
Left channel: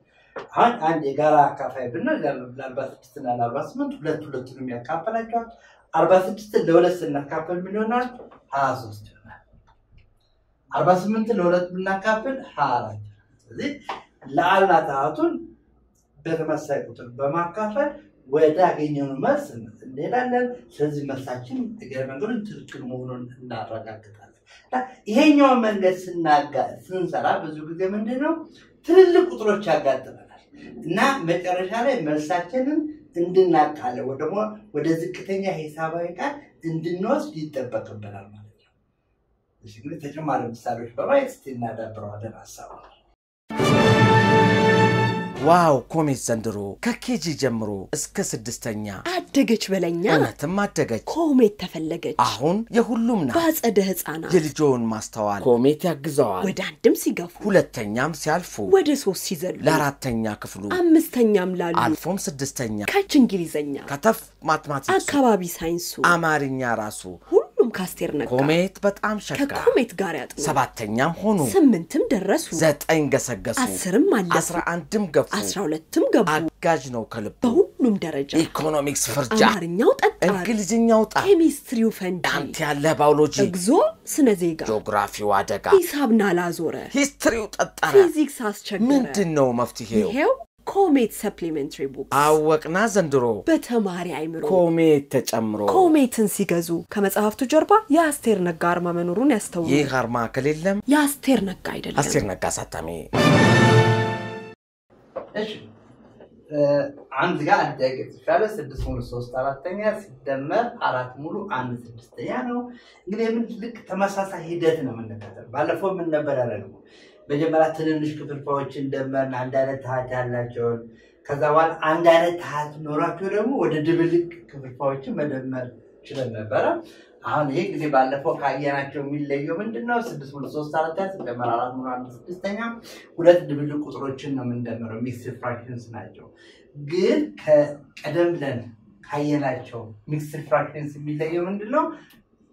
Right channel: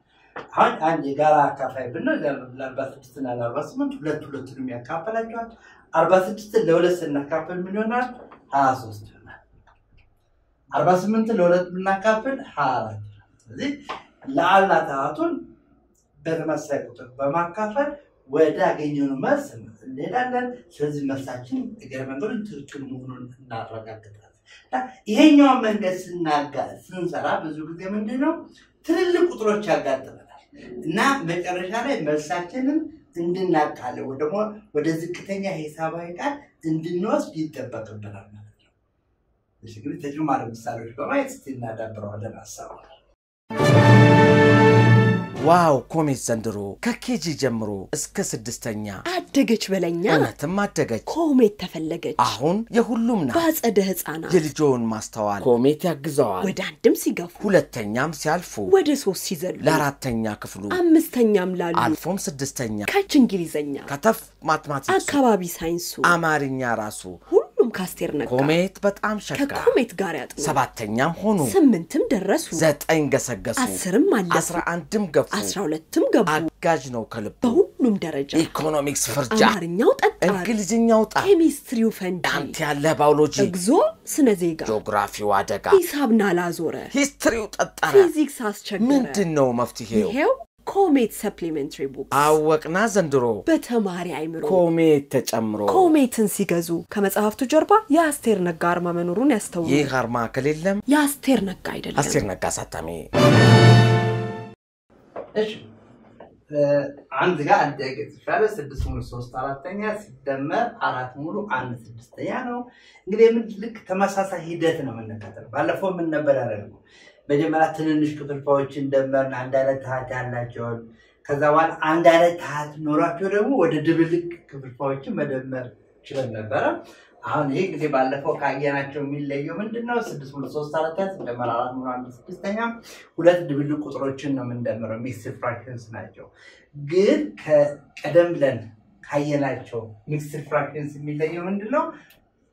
አሁን አንድ የጋራ አካፋይ ብንል ለ46 እና ለ48 ሁለቱንም ያካፈላቸዋል 46 ለ2 ስናካፍል ምን ይሆናል 23 ይሆናል 48 ለ2 ብናካፍል 24 ስለዚህ ለአልና ታህቱን በተመሳሳይ ቁጥር በማካፈል ወደ አገኘነው መልስ እንሄዳለን ስለዚህ መልሳችን እግረ መንገዱን ትክክል መሆኑን እናረጋግጣለን ይሄኛው መንገድ ስንሰራ ብዙ ጊዜ ምንድነው ትልልቅ ቁጥሮች ያጋጥመናል እና መጨረሻ ላይ መልሳችንን እንድናቃለው ወደ ዝቅተኛ ሂሳባዊ ቃል እንድንወስድ ይጠበቅብናል ማለት ነው እሺ ግን ተጨማሪ ምሳሌዎች በማየት እናዳብረዋለን ሐሳቡ ዋው ኮሜት ዘንድሮ ከኬጂ ጀምሮ እስከ 6ኛ አደገች በለኛ እውነትም አደገች ኮሜት ተፈለገች አሁን የሁሉም ናት ባጸደ ህፃናት የልጆን ማስተዋል ኮሜት ያግዘዋል ወደ አንድም ሲገፉ ሁለተኛም ሲያልፉ ወደ 3 ሲዘሉ ለአራተኛ ክፍሉ አምስተኛም ላሉ አልፎም 6ኛ ከች እንግሊዘኛ ከተፍ ማትማቲክስ አካባቢ ሳይንሱ አማርኛ ራሱ ሁሉም ካስቴር ነጋ ኮሜት በጣም ሸካ ከኮሜት ጋር ያጥኑ 7ኛም ሆኑ 8ም ደረሱ 9 ገሰገሱ 10ም አለፉ 11ም ገፉ 12ም ገቡ አጋዥ ነው ከልብ በሁሉም ደረጃ ኢኮኖሚክስ ፍርጃ አማርኛው ጠጣር እንግሊዝኛው ጣ ኬሚስትሪው ፈንጂ አንተ ያለ ባዮሎጂ እግዚኦ ስነ ዜጋ ጂኦግራፊው አደጋ ሂሳብና ላዞረ ሂስትሪው ጠጣራ ፊዚክስ አስቸገረ ምንድነው መፍትሄው ይሄው ኮሜት ሰፕሊሜንተሪ ቡክስ አወቅና ዘንድሮ በተማሪ አይምሮ ኮሜት ተጨምሮ ኮሜትን ሲገዙ ከመጽሐፍቱ ጀርባ የአስቴር ነጋ አርማ መኖሩን ያስተውሉ ይህ አርማ ከሌለም የአስቴር ነጋ አይደለም አስቴር ነጋ ሳታሚ እሺ አንድ ጋር አደገ ተሻለ 6 ሙሉ 3 4ኛ ሲደመር 4 ሙሉ 1 6ኛ ነው እንግዲህ ምን ልክ ተመሳሳይ ሂደት ነው የምንከተለው ባለፈው ምን ነበር ያለው መጀመሪያ ትንንሽ ክፍልፋዮችን ደመርን አንድ አይነት ታህት ያላቸውን ከዛ በኋላ አንድ አይነት ታህት ኖሯቸው ደግሞ ወደ ድብልቅ ክፍልፋዮችን መደመር ችለን ነበረ። አሁን ይሄ ጊዜ ባለፈው ካየናቸው የሚለየው ምንድነው? 6 ሙሉ 3 4 ሲደመር 4 ሙሉ 1 6ኛ ሁለት ድብልቅ ቁጥሮችን ነው የምንደምረው። ሚክስድ ፍራክሽንስ ናቸው። ግን ከቀደም ብለን ካየናቸው ሚክስድ ፍራክሽንስ የሚለየው ምንድነው?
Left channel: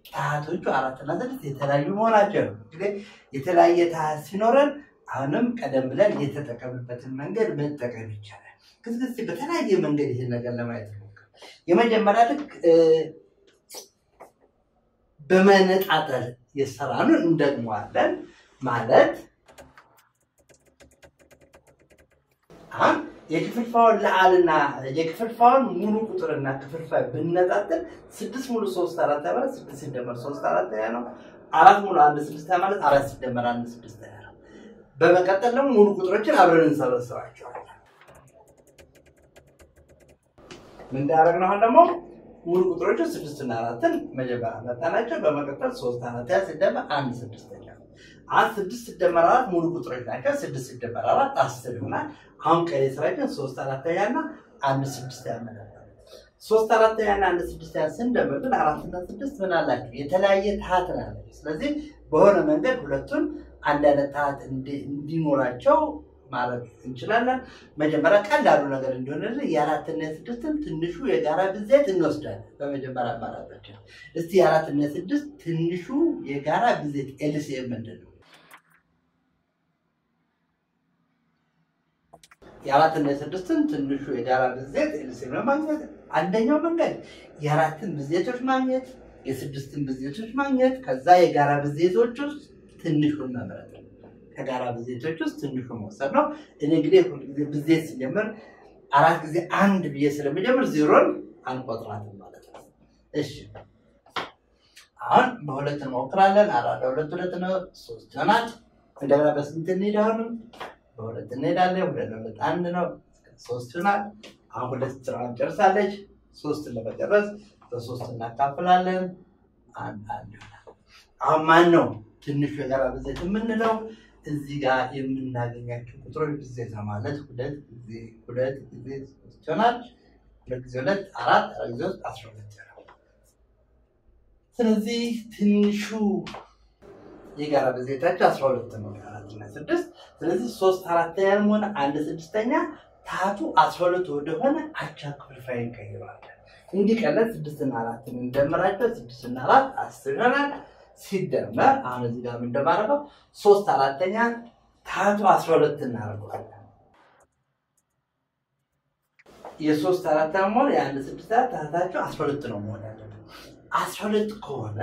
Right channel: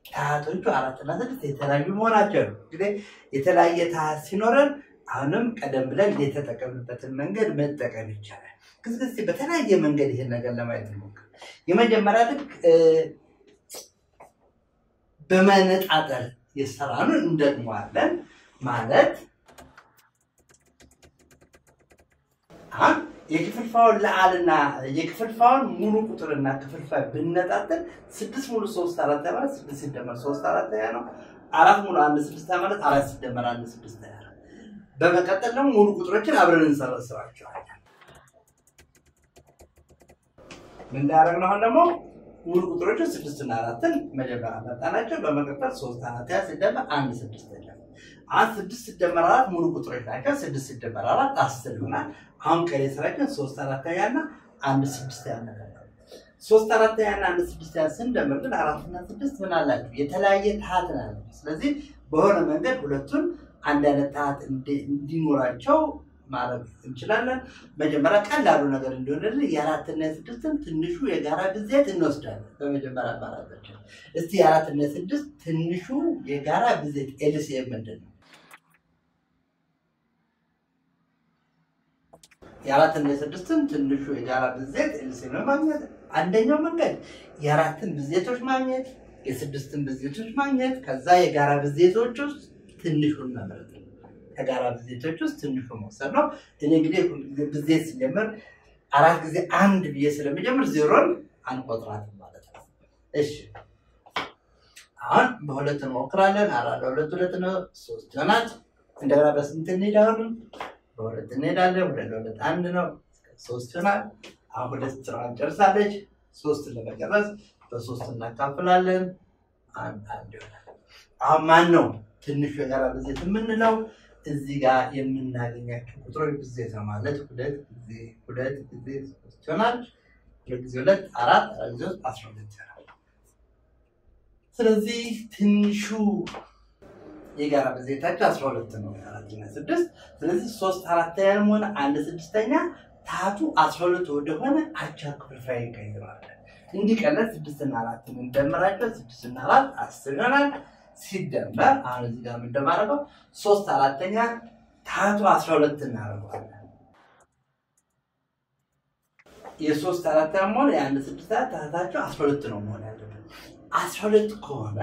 ታህቶቹ 4 እና 6 የተለያዩ መሆናቸው ነው። እንግዲህ የተለያየ ታህት ሲኖረን አሁንም ቀደም ብለን የተጠቀምበትን መንገድ መጠቀም ይቻላል። ከዚህ በተለያየ መንገድ ይሄን ነገር ለማየት እንሞክር። የመጀመሪያ ልክ በመነጣጠል የሰራኑን እንደግመዋለን ማለት አሁን የክፍልፋዩን ለአልና የክፍልፋዩን ሙሉ ቁጥርና ክፍልፋይ ብንነጣጠል 6 ሙሉ 3 4 ማለት 6 ሲደመር 3 4 ነው። 4 ሙሉ 1 6 ማለት 4 ሲደመር 1 6 ነው። በመቀጠል ደግሞ ሙሉ ቁጥሮችን አብረን እንሰበስባቸዋለን። ምን እንዳደረግን አሁን ደግሞ ሙሉ ቁጥሮችን 6 እና 4ን መጀመሪያ መጣናቸው። በመቀጠል 3 4 ሲደመር 1 6 ነው። 6 ሲደመር 4 ሙሉ ቁጥሮች ናቸው። 6 ሲደመር 4 10 ይሆናል። አሁን ቀሪ ስራችን 3 4 እና 1 6 ያመጣል። 3 4 እና 1 6 ስንደምር ግን 4 እና 6 ምን አላችሁ? የተለያየ ታህት አላቸው። ስለዚህ በሆነ መንገድ ሁለቱን አንድ አይነት ታህት እንዲኖራቸው ማለት እንችላለን። መጀመሪያ ቀላሉ ነገር እንደሆነልን የ4 እና 6ን ትንሹ የጋራ ብዜት እንወስዳለን። በመጀመሪያ አማራጫችን እስቲ የ4 እና 6 ትንሹ የጋራ ብዜት ኤልሲኤም ምንድነው? የ4 እና 6ን ትንሹ የጋራ ብዜት ኤልሲኤም ለማግኘት አንደኛው መንገድ የ4ን ብዜቶች ማግኘት፣ የ6ን ብዜቶች ማግኘት፣ ከዛ የጋራ ብዜቶች ውስጥ ትንሹን መምረጥ። ከጋራ ብዜቶች ውስጥ ትንሹ መውሰድ ነው። እኔ እንግዲህ ብዜት ሲጀምር 4 ጊዜ 1 ብዬ ስለሚጀምር 0ን አንቆጥራትም ማለት ነው። እሺ አሁን በሁለት እንሞክራለን። 4 2 2 ነው 3 ይሆናል። እንደገና በስንት እንሄዳለን? በሁለት እንሄዳለን። 2 2 1 ነው 3 ይሆናል። አሁን ሁለት ስራውን ጨርሳለች። 3ን ለመጨረስ በ3 እናካፍላለን። 1 ይሆናል። አሁን ማን ነው ትንሹ የጋራ ብዜት የምንለው? እዚህ ጋር የምናገኛቸው ቁጥሮች ብዜት ነው ማለት 2 ጊዜ 2 ጊዜ 3 ይሆናል። 2 ጊዜ 2 4 ጊዜ 12 ይሆናል። ስለዚህ ትንሹ የጋራ ብዜታቸው 12 ነው። 4 እና 6 ስለዚህ 3 4 ሆነ 1 6ኛ ታህቱ 12 ወደሆነ አቻ ክፍልፋይ እንቀይራለን። እንዲቀለል 6 እና 4 እንደምራቸው 6 እና 4 10 ይሆናል። ሲደመር አሁን እዚህ ጋር ምን እንደማደርገው 3 4ኛ ታህቱ 12 እናደርጋለን። የ3 4 ሞል የ1 6 ታህታቸው 12 ነው መሆን ያለበት። 12 ከሆነ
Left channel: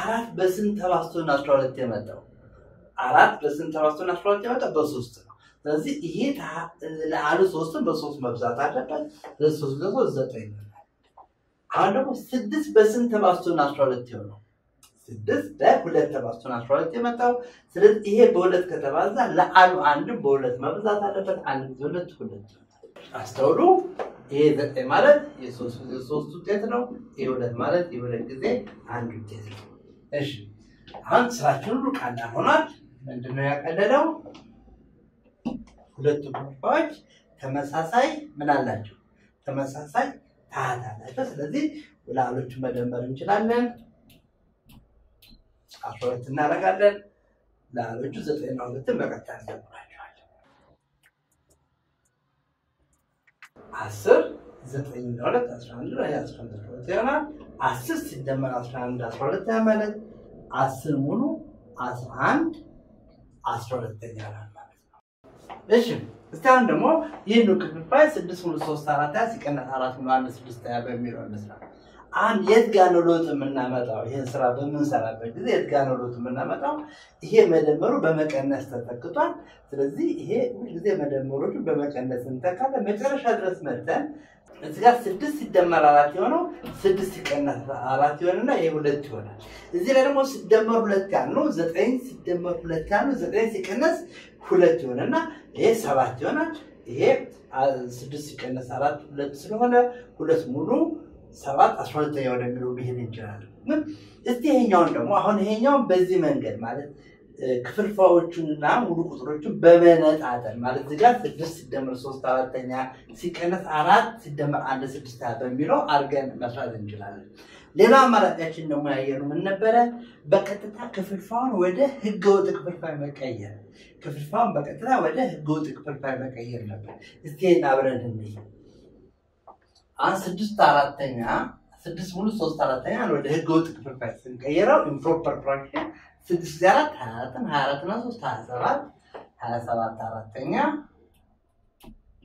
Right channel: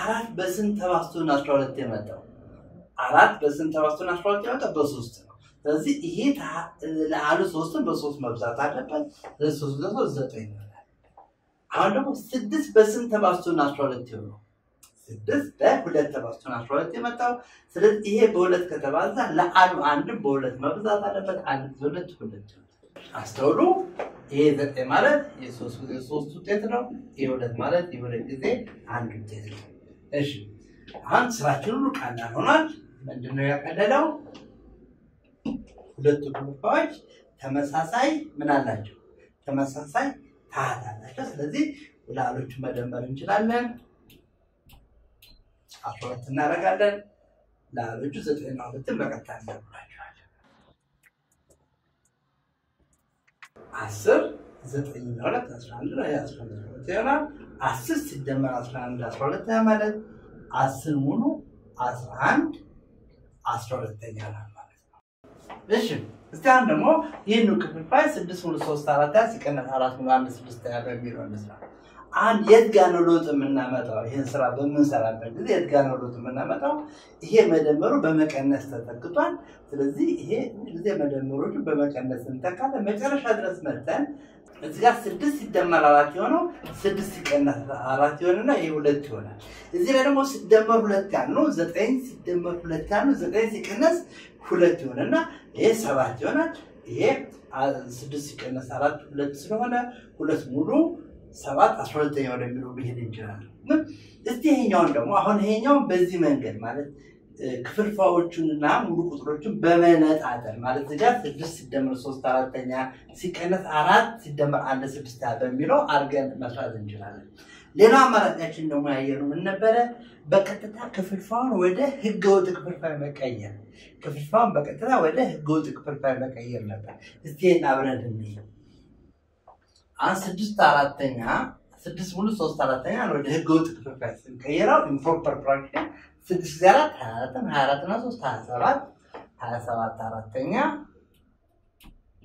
4 በስንት ተባዝቶ ነው 12 የመጣው? 4 በስንት ተባዝቶ ነው 12 የመጣው? በ3 ነው። ስለዚህ ይሄ ለአሉ 3ን በ3 መብዛት አለበት። ለ3 = 9 ይሆናል። አሁን ደግሞ 6 በስንት ተባዝቶ ነው 12 የሆነው? 6 በ2 ተባዝቶ ነው 12 የመጣው። ስለዚህ ይሄ በ2 ከተባዛ ለአሉ 1 በ2 መብዛት አለበት። 1 ጊዜ 2 2 አስተውሉ። ይሄ 9 ማለት የ3 ጊዜ 3 ውጤት ነው። ይሄ 2 ማለት የ2 ጊዜ 1 ውጤት ነው። እሺ አሁን ስራችን ሁሉ ቀላል ሆኗል። ምንድነው ያቀለለው? ሁለቱ ክፍልፋዮች ተመሳሳይ ምን አላቸው? ተመሳሳይ ታህት አላቸው። ስለዚህ ለአሎቹን መደመር እንችላለን። 12 እናደርጋለን። ለአሎቹ 9 እና 2ን በቀጥታ እንደምራቸዋለን። 10 9 እና 2 11 ነው። 11 ይሆናል። 10 ሲደመር 11 12 ማለት 10 ሙሉ 11 12ኛ ይሆናል ማለት ነው። እሺ እስቲ አሁን ደግሞ ይሄን ክፍልፋይ 6 ሙሉ 3 4 ሲቀነስ 4 ሙሉ 1 6 በሚለው እንስራ። አሁን የት ጋር ነው ለውጥ የምናመጣው? ይሄን ስራ በምንሰራበት ጊዜ የት ጋር ነው ለውጥ የምናመጣው? ይሄ መደመሩ በመቀነስ ተተክቷል። ስለዚህ ይሄ ሁሉ ጊዜ መደመሮቹ በመቀነስ እንተካለን። መጨረሻ ድረስ መጥተን እዚህ ጋር 6 ሲደመር 4 የሆነው 6 ሲቀነስ 4 ይሆንና ይሄ 2 ይሆናል። እዚህ ላይ ደግሞ ሲደመር 2 ያልነው 9 ሲደመር 2 ያልነው 9 ሲቀነስ 2 ይሆንና ይሄ 7 ይሆናል። ይሄ 6 ሲቀነስ 4 2 ስለሆነ 2 ሙሉ 7 12ኛ ወደሚለው ብሄድ እንችላለን። እስቲ ይሄኛውን ደግሞ አሁን ይሄኛውን በዚህ መንገድ ማለት ክፍልፋዮቹንና ሙሉ ቁጥሮቹን በመነጣጠል ማለት እዚህ ጋር 6 ሲደመር 3 አራተኛ ሲቀነስ 4 ሲደመር 1 6 በሚለው አድርገን መስራት እንችላለን። ሌላ አማራጫችን ደግሞ ያየነው ምን ነበረ? በቀጥታ ክፍልፋዩን ወደ ህገወጥ ክፍልፋይ መቀየር። ክፍልፋዩን በቀጥታ ወደ ህገወጥ ክፍልፋይ መቀየር ነበር። እስቲ አብረን እንይ። 6 አራተኛ 6 ሙሉ 3 አራተኛ ወደ ህገወጥ ክፍልፋይ ስንቀይረው ኢምፕሮፐር ፍራክሽን 6 ጊዜ 4 24 24 እና 3 27 27 አራተኛ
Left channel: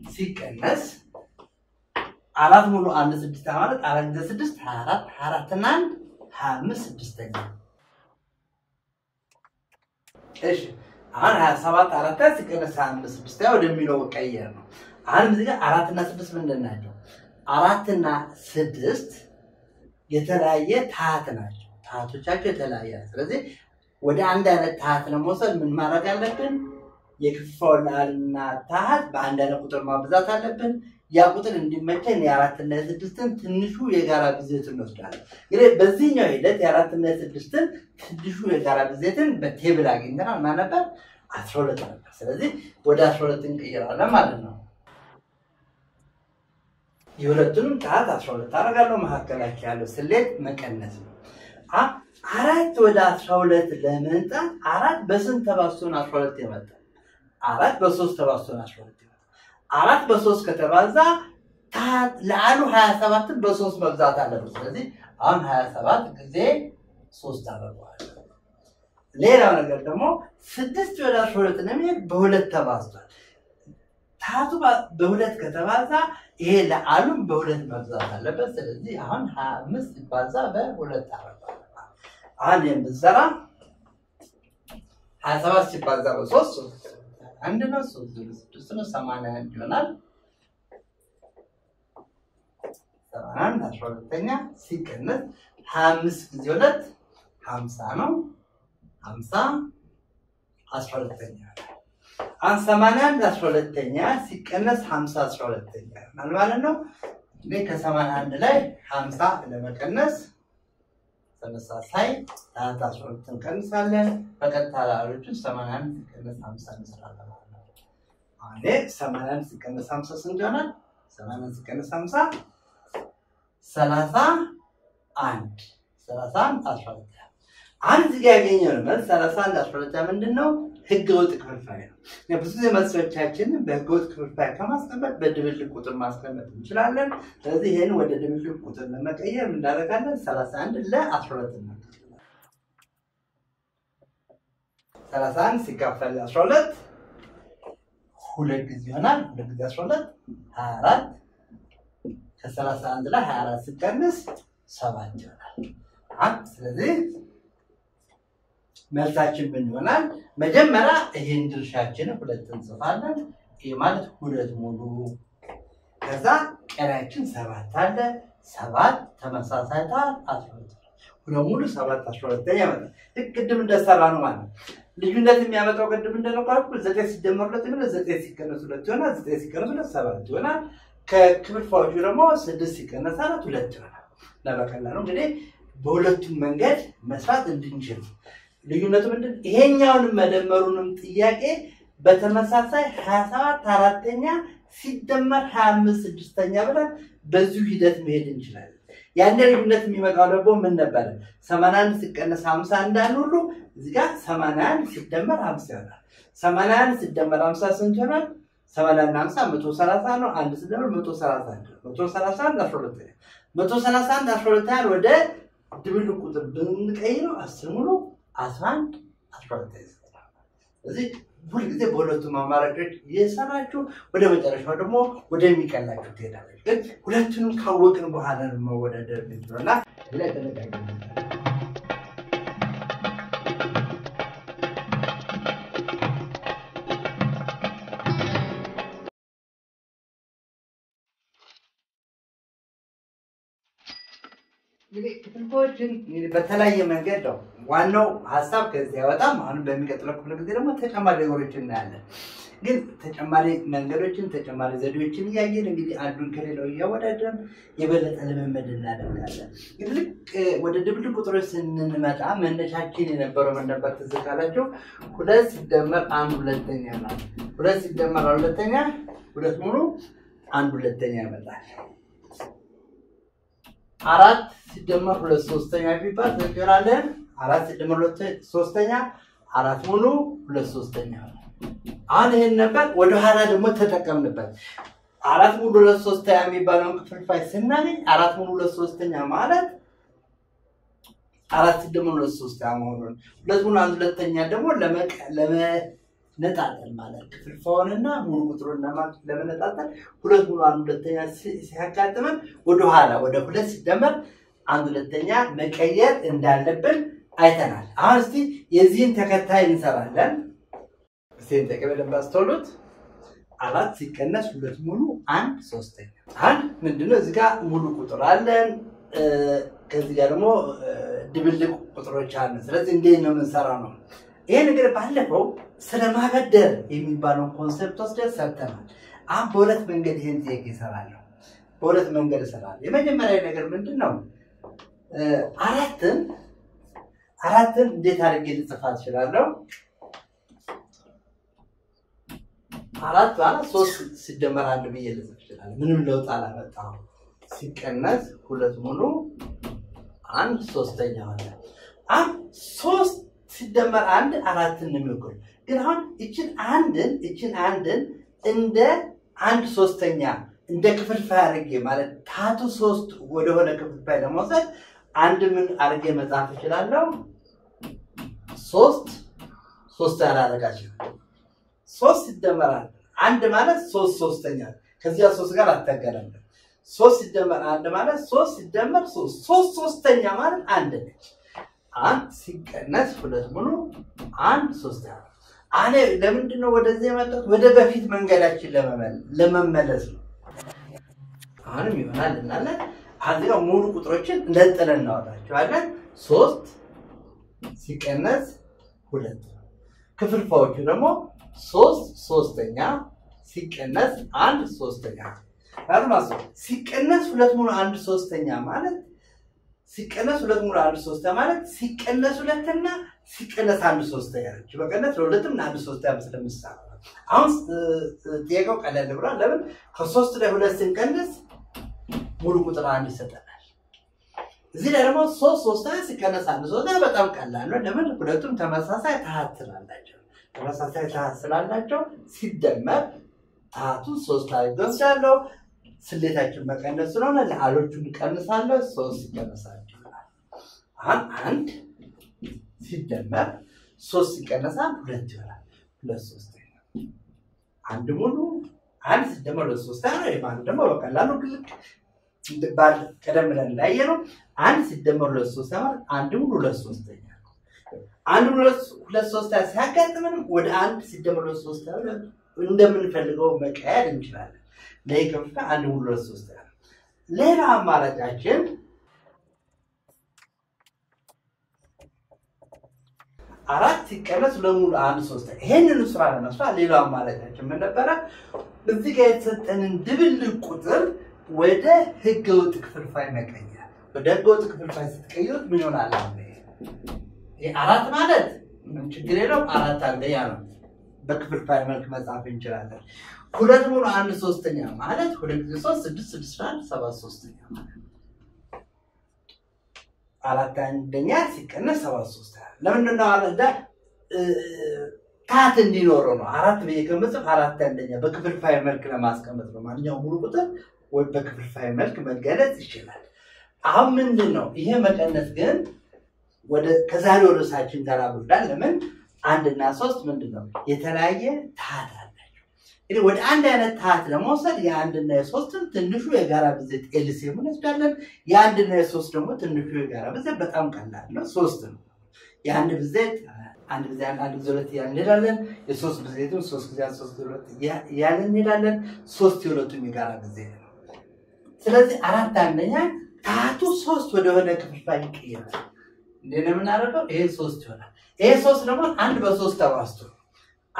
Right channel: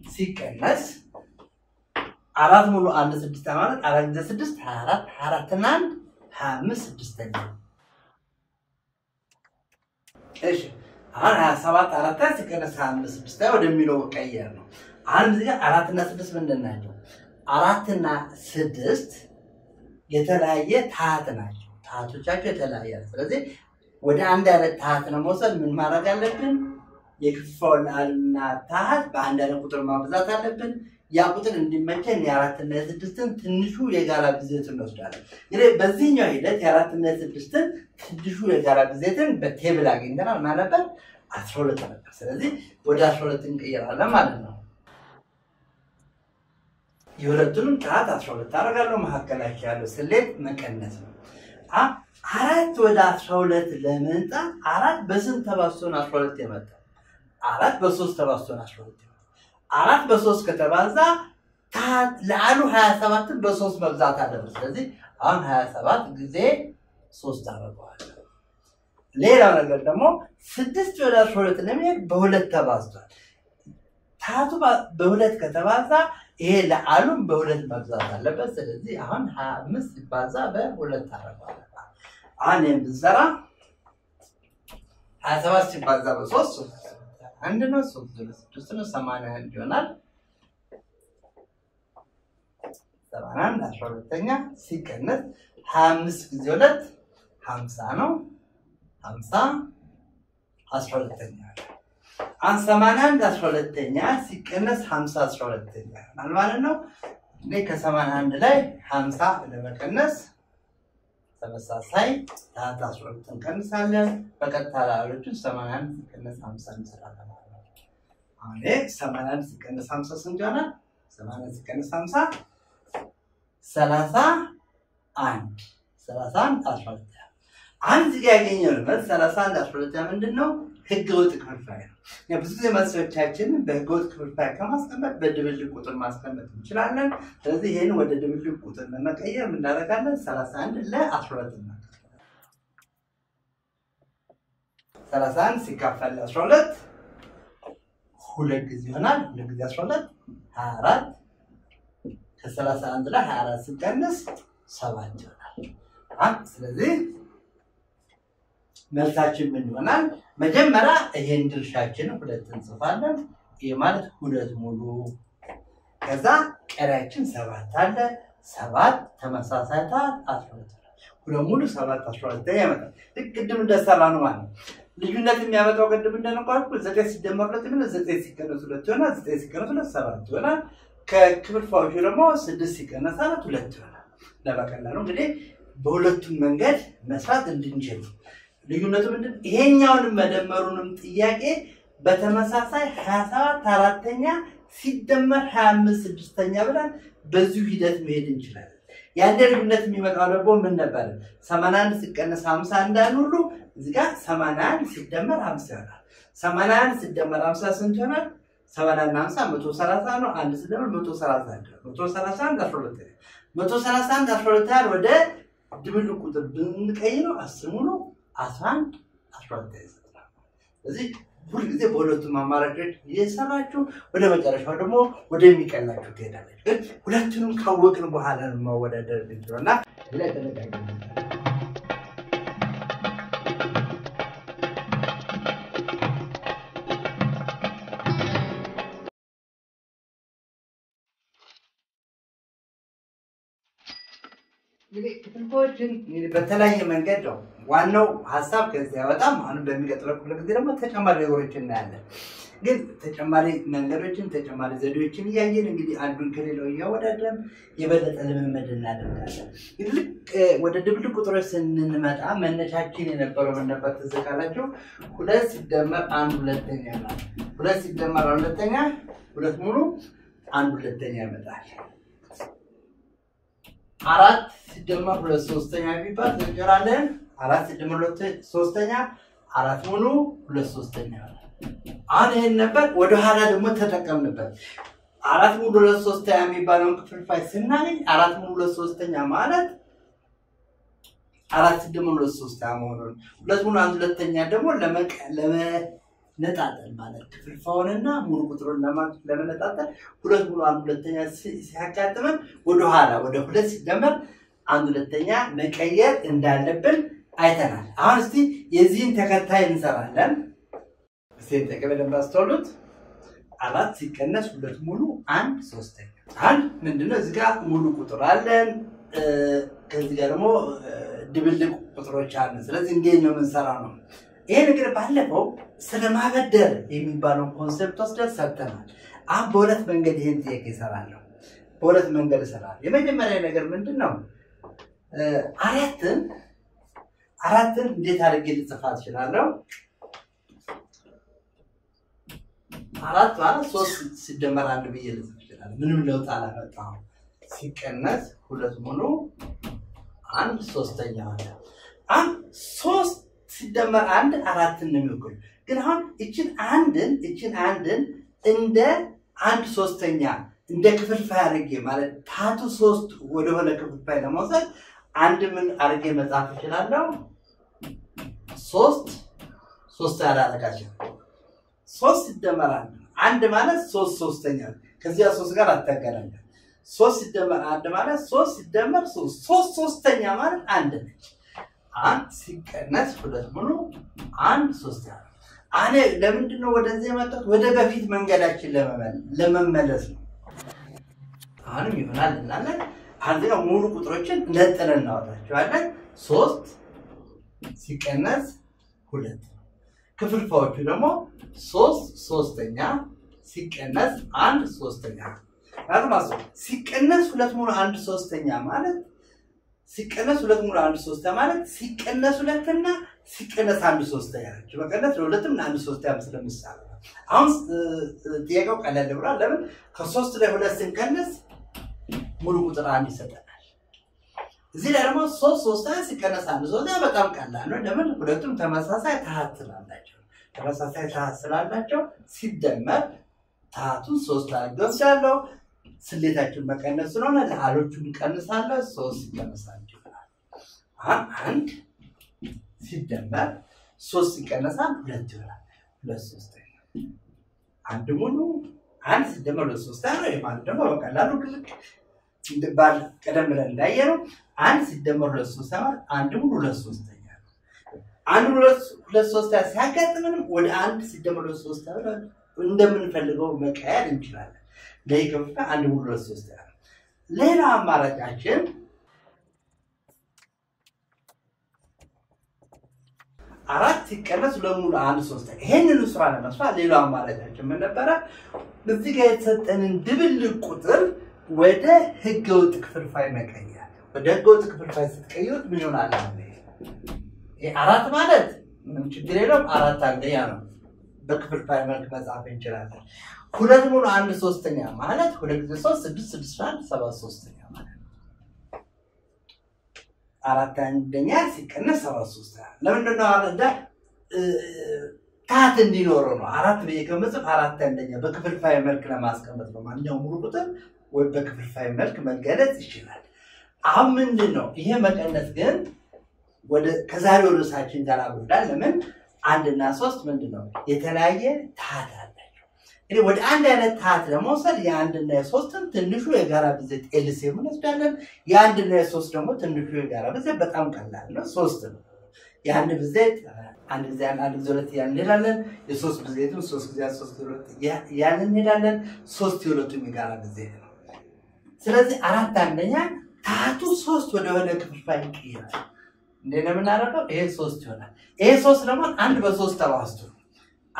ሲቀነስ 4 ሙሉ 1 6 ማለት 4 ጊዜ 6 24 24 እና 25 ስድስተኛ። እሺ አሁን 27 4 ሲቀነስ 25 ስድስተኛ ወደሚለው ቀየር ነው። አሁን እዚህ ጋር 4 እና 6 ምንድን ናቸው? 4 እና 6 የተለያየ ታሃት ናቸው። ታሃቶቻቸው የተለያየ። ስለዚህ ወደ አንድ አይነት ታሃት ለመውሰድ ምን ማድረግ አለብን? የክፍልፋዩን አልና ታሃት በአንድ አይነት ቁጥር ማብዛት አለብን። ያ ቁጥር እንዲመቸን የ4 እና 6ን ትንሹ የጋራ ብዜትን እንወስዳለን። እንግዲህ በዚህኛው ሂደት የ4 እና 6ን ትንሹ የጋራ ብዜትን በቴብል አግኝተናል። ማን ነበር? 12 ነበር። ስለዚህ ወደ 12 እንቀይራለን ማለት ነው። የሁለቱንም ታሃት 12 አደርጋለሁ። መካከላቸው ያለው ስሌት መቀነስ ነው። 4 ወደ 12 ለመምጣት 4 በስንት ተባዝቶ ነው 12 የመጣው? 4 በ3 ተባዝቶ ነው 12 የመጣው። 4 በ3 ከተባዛ ታሃት ለአሉ 27 በ3 መብዛት አለበት። ስለዚህ አሁን 27 ጊዜ 3 አደርገዋለሁ። ሌላው ነገር ደግሞ 6 ወደ 12 ለመሄድ በ2 ተባዝቷል። ታሃቱ በ2 ከተባዛ ይሄ ለአሉም በ2 መብዛት አለበት። ስለዚህ አሁን 25 ሲባዛ በ2 አደርገዋለሁ። አሁን የምንሰራ 27 ሲባዛ በ3 አንድ ነው። 3 ነው 81 ይሆናል። 81 12ኛ ሲቀነስ 25 ጊዜ 2 50 ነው። 50 12ኛ አሁን 81 12ኛ ሲቀነስ 50 12ኛ ማለት ነው። እኔ ከ81 ላይ 50 ለመቀነስ ተመሳሳይ ታሃት 12 እንቀንሳለን። በቀጥታ ላሎቹ 81 ሲቀነስ 50 እንሰራለን ማለት ነው። አሁን 81 ሲቀነስ 50 ስንት ይሆናል? 81 ሲቀነስ 50 31 12 አንድ እዚህ ጋር ያገኘነው መልስ 31 12 ምንድነው? ህገወጥ ክፍልፋይ ነው። ብዙ ጊዜ መልሶቻችንን በህገወጥ ክፍልፋይ ከማስቀመጥ በድብልቅ ቁጥር ማስቀመጥ እንችላለን። ስለዚህ ይሄን ወደ ድብልቅ ቁጥር ለመቀየር ምን እናደርጋለን? 31 ለ12 ነው። 31 ሲካፈል 12 ሁለት ጊዜ ይሆናል። ሁለት ጊዜ 12 24 ከ31 ላይ 24 ሲቀነስ 7 ይሆናል። ስለዚህ መልሳችን ምን ይሆናል? መጀመሪያ ይሄን ድርሻችንን 2 እንጽፋለን። ይሄ ማለት 2 ሙሉ ከዛ ቀሪያችን 7 አለ። 7 ተመሳሳይ ታሃት 12 2 ሙሉ 7 12 ያመጣል። ቅድም እንደሰራ ነው ማለት ነው። ልዩነት የሚያመጣው ቅድም እንደነገርኩ 9 ሲደመር 2 ምን 9 ሲቀነስ 2 ይሆናል። 9 ሲቀነስ 2 7 ይሆናል። ከክፍልፋዮቹ ደግሞ 6 ሲቀነስ 4 2 ይሆናል። ለበቀላሉ እንግዲህ በሁለቱም መንገድ መስራት እንድንችል ልዩነቱ ምንድን? ይሄኛውንም መደመሩንም ጥያቄ በተመሳሳይ 27 አራተኛ ሲደመር 25 ስድስተኛ ብለን በዚሁ ሂደት መሄድ እንችላለን። ያን ልዩነት የሚመጣው ደግሞ ምን ነበር? 81 ሲቀነስ 50 እንዳል ሁሉ እዚህ ጋር 81 ሲደመር 50 ይሆናል። 81 ሲደመር 50 ስንት ይሆናል? 80 እና 50 130 ነው። 1 ሲደመር 131 131 12 131 12 ወደ ድብልቅ ቁጥር ብንቀይረው 10 ሙሉ 11 12 ይሰጣል። ስለዚህ ሁሉ ጊዜ በሁለቱም አማራጮች እየሰራችሁ ወደ መጨረሻው ደግሞ ወደሚቀላችሁ ትሄዳላችሁ። ግን ሁለቱንም ካወቅን በኋላ ነው መወዳደር እንችላልና ላይ ተነጋግረን እንግዲህ ክፍልፋዮችን በተለያየ መንገድ ነው ዋናው ሐሳብ ከዚህ ያወጣም። አሁን በሚቀጥለው ክፍለ ጊዜ ደግሞ ተጨማሪ ነገሮችን እናያለን። ግን ተጨማሪ መንገዶችን ተጨማሪ ዘዴዎችን እያየን እንግዲህ አንዱን ከሌላው እያወዳደርን የበለጠ ልምምድ እናደርጋለን። ልክ ወደ ድብልቅ ቁጥሮች ስንመጣ መነሻችን የነበረው ምን ነበር ትዝ ካላችሁ? 2 ሲደመር 1 ሁለተኛ ነው። 2 ሲደመር 1 ሁለተኛ 2 ሙሉ 1 ሁለተኛ ይመጣል። 4 ሲደመር 2 ሶስተኛ ቢባል ተገራለን 4 ሲደመር 2 ሶስተኛ 4 ሙሉ 2 ሶስተኛ ነው። አሁን ይሄን ነበር ወደ ኋላ ደግሞ ተጠቀምንበት። 4 ሙሉ 2 ሶስተኛ የሚባለውን ክፍልፋይ ስናገኝ 4 ሙሉ 2 ሶስተኛ ማለት 4 ሲደመር 2 ሶስተኛ መሆኑን 2 ሙሉ 1 ሁለተኛ ደግሞ ለመነጣጠል ማለት ክፍልፋዩንና ሙሉ ቁጥሩን ለመነጣጠል 2 ሙሉ 1 ሁለተኛ ሲያጋጥመን ወደ ኋላ ወደ 2 ሲደመር 1 ሁለተኛ መቀየር እንዳለብን አይተናል። አሁን እስቲ የዚህን ተከታይ እንሰራለን። እስቲ ተቀበለን ባስተውሉት 4 ሲቀነስ 2 ሙሉ 1 ሶስተኛ። አንድ ምንድነው እዚህ ጋር ሙሉ ቁጥር አለን ከዚህ ጋር ደግሞ ድብልቅ ቁጥሮች አለን። ስለዚህ እንዴት ነው የምንሰራው ነው? ይሄ ነገር ባለፈው ስለማበደር የሚባለውን ኮንሰፕት ወስደን ሰርተናል። አሁን በሁለት መንገድ ይሄን ጥያቄ እሰራለሁ። በሁለት መንገድ እሰራለሁ። የመጀመሪያ ነገር ምንድነው? አራትን እንዴት አድርጌ ልጽፋት እችላለሁ? 4 ማለት 3 ሲደመር 1 ብዬ ልጽፍ እችላለሁ። ምንም ለውጥ አላመጣም። ሲቀነስ 2 ሙሉ 1 ሶስተኛ ሆነ። አሁን 3 ሲደመር 1 4 ነው የሚሆነው። ግን አሁን እቺን አንድን እንደ 1 ሶስተኛ እንደ ክፍልፋይ አድርጌ ማለት ታቱ 3 ወደ ሆነ ክፍልፋይ ለመውሰድ አንድ ምን አድርጌ መጻፍ እችላለሁ? 3 ያላረጋችሁ 3 ሲደመር 1 ማለት 3 ሶስተኛ ከዚያ 3 ጋር አታገናኙ። 3 ሲደመር 1 ማለት 3 ሲደመር 3 ሶስተኛ ማለት 1 ነች። 1 ሲቀነስ 2 ሙሉ 1 ሶስተኛ። አኔ ለምንድን ነው ወደዚህ የመጣሁት? ወደ በፊት መንገዳችን ለመመለስ ነው። አሁንም ይሆናል እናለን አንደኛው ሙሉ ቁጥሮችን እንደጠለን እናወጣቸዋለን። 3 ሲቀነስ 2 ክፍልፋዮቹ ደግሞ 3 ሶስተኛ ሲቀነስ 1 ሶስተኛ ማለት ሲቀነስ 2 ሙሉ 1 ሶስተኛ ማለት ሲቀነስ 2 ሙሉ 1 ሶስተኛ ማለት ሲቀነስ 2 እና ሲቀነስ 1 ሶስተኛ ነው። በቀነስ ለሁለቱም 1 ሶስተኛ ስለምሳሌ አሁን ጥያቄው ቀለል ብሏል። ለምን ከ3 ላይ 2 ስንቀንስ ሙሉ ቁጥር 1 ይሰጠናል። እዚህ ላይ ደግሞ 3 ሶስተኛ ሲቀነስ 1 ሶስተኛ በጣም ቀላል ነው። ለምን ሁለቱም ተመሳሳይ ታሃት ስላላቸው ሲደመር ታሃቱን 3 አድርገን ያለው ስሌታችን መቀነስ ስለሆነ ለአሎቹን ቀንሳለሁ። 3 ሲቀነስ 1 ይሆናል። 1 ሲደመር 3 ሲቀነስ 1 2 ይሆናል። 2 ሶስተኛ 1 ሙሉ 1 ሲደመር 2 ሶስተኛ ነው። የማን ደግሞ በቀላሉ ግልክ እንደባል ቀደም ብለን እንዳየነው 1 ሲደመር 2 ሶስተኛ ማለት 1 ሙሉ 2 ሶስተኛ ነው። 1 ሙሉ 2 ሶስተኛ ሲያጋጥመን ወደ 1 ሲደመር 2 ሶስተኛ እንደምንፈልገው መቀየር እንችላለን። ለይከፍታ 1 ሙሉ 2 ሶስተኛ። ሌላ አማራጫችን 4 ሲቀነስ 2 ሙሉ 1 ሶስተኛ። ይሄንን ስራ ለመስራት ሌላው አማራጫችን ምን ነበር? እዚህ ጋር የተሰጠንን ድብልቅ ቁጥር ወደ ህገወጥ ክፍልፋይ መቀየር። ወደ ህገወጥ ክፍልፋይ ስትቀይሩት ምን ይሆናል? ይሄ 4 ማለት ምን ችግር የለውም። 4 አንደኛ ነው። በክፍልፋይ መልክ መጻፍ እንችላለን። 2 ሙሉ 1 ሶስተኛ ማለት 2 ጊዜ 3 6 6 1 7 ሶስተኛ ማለት 4 አንደኛ ሲቀነስ 7 ሶስተኛ። ለምን ነው አለዳ ታሃት እንዲኖረው ነው። 4 በየገመጽፍ 4 አንደኛ በክፍልፋይ መልክ ለማስቀመጥ ነው። ማንኛውም ሙሉ ቁጥር ወይ በክፍልፋይ መልክ መገለጽ ይችላል። አሁን ምንድነው ይሄ መቀነስ ግን ወደ ከዛሬው ርዕሳችን ጋር አብሮዳል። ለምን 1 እና 3 ምንድነው የተለያየ ታሃት አላቸው። እንግዲህ ወደ አንድ አይነት ታሃት ለመውሰድ የ1 እና የ3ን ትንሹ የጋራ ብዜት ኤልሲኤም እንወስዳለን። የ1 እና የ3 ደግሞ ትንሹ የጋራ ብዜት በጣም ቀላል ነው፣ 3 ነው። የ1 ብዜት 1 ጊዜ 1 ጊዜ 2 ያን እንሄዳለን። የ3 ብዜቱን 3 ጊዜ 3 ጊዜ 2 ያን እንሄዳለን። 3 የሁለቱም የጋራ ብዜት ነው። ስለዚህ 4 አንደኛ ታሃቱ 3 ወደ ሆነ ክፍልፋይ ይቀየራል። እንዴት ነው የምናደርገው? ይሄ 3 ይሆናል። ይሄ 3 ደግሞ 1 በ3 ተባዝቶ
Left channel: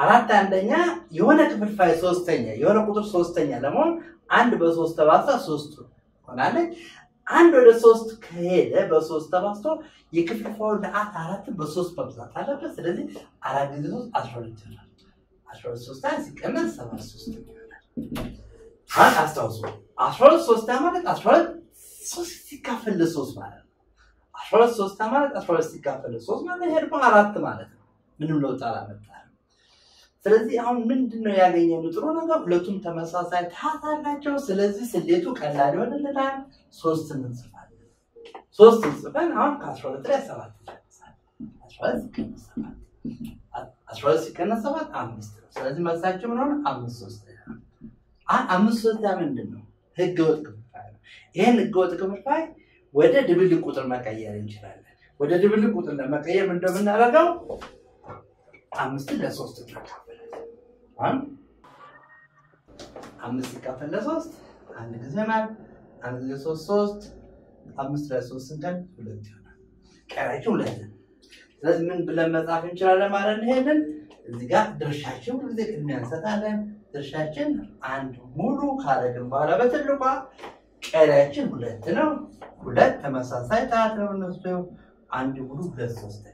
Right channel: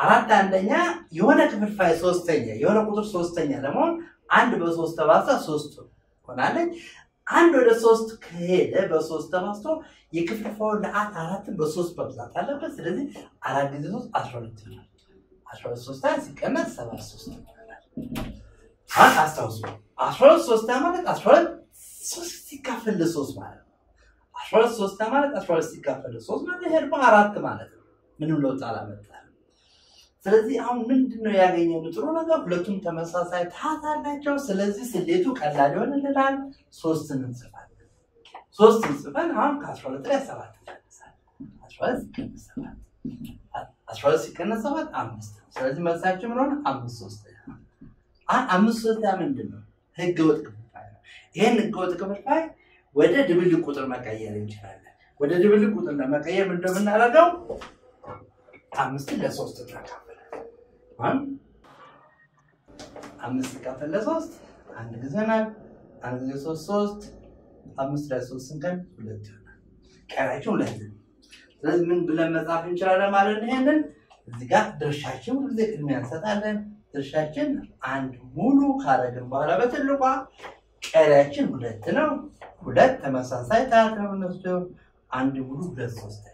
አራት አንደኛ የሆነ ክፍልፋይ ሶስተኛ የሆነ ቁጥር ሶስተኛ ለመሆን 1 በ3 ተባዛ 3 ሆናለች። 1 ወደ 3 ከሄደ በ3 ተባዝቶ የክፍልፋዩ ለአት 4 በ3 መብዛት አለበት። ስለዚህ 4 ጊዜ 3 12 ይሆናል። 12 3 ሲቀነስ 73 ይሆናል። አስታውሱ 12 3 ማለት 12 3 ሲካፈል ለ3 ማለት ነው። 12 3 ማለት 12 ሲካፈል ለ3 ማለት ይሄ ደግሞ 4 ማለት ነው። ምንም ለውጥ አላመጣም። ስለዚህ አሁን ምንድነው ያገኘነው ጥሩ ነገር ሁለቱም ተመሳሳይ ታታ አላቸው። ስለዚህ ስሌቱ ቀላል ይሆንልናል። 3 እንጽፋለን። 3 እንጽፈን አሁን ከ12 ላይ 7 እንጽፋለን። 12 ሲቀነስ 7 5 ነው። ስለዚህ መልሳችን ምን ሆነ? 5/3 5/3 ምንድነው? ህገወጥ ክፍልፋይ ነው። ይሄን ህገወጥ ክፍልፋይ ወደ ድብልቅ ቁጥር መቀየር እንችላለን። ወደ ድብልቅ ቁጥር ለመቀየር ምንድነው የምናደርገው? 5 ለ3 እንካፈላለን። 5 ሲካፈል ለ3 አንድ ጊዜ ይሆናል። 1 ጊዜ 3 5 ለ3 ስንቀን 2 ይሆናል። ቀሪያችን 2 ነው። ስለዚህ ምን ብለን መጻፍ እንችላለን ማለት ነው? ይሄንን እዚህ ጋር ድርሻችን ሁሉ ጊዜ ቅድሚያ እንሰጣለን። ድርሻችን 1 ሙሉ ካረግን በኋላ በትልቋ ቀሪያችን 2 ነው። 2 ተመሳሳይ ታታ ነው። 1 ሙሉ 2/3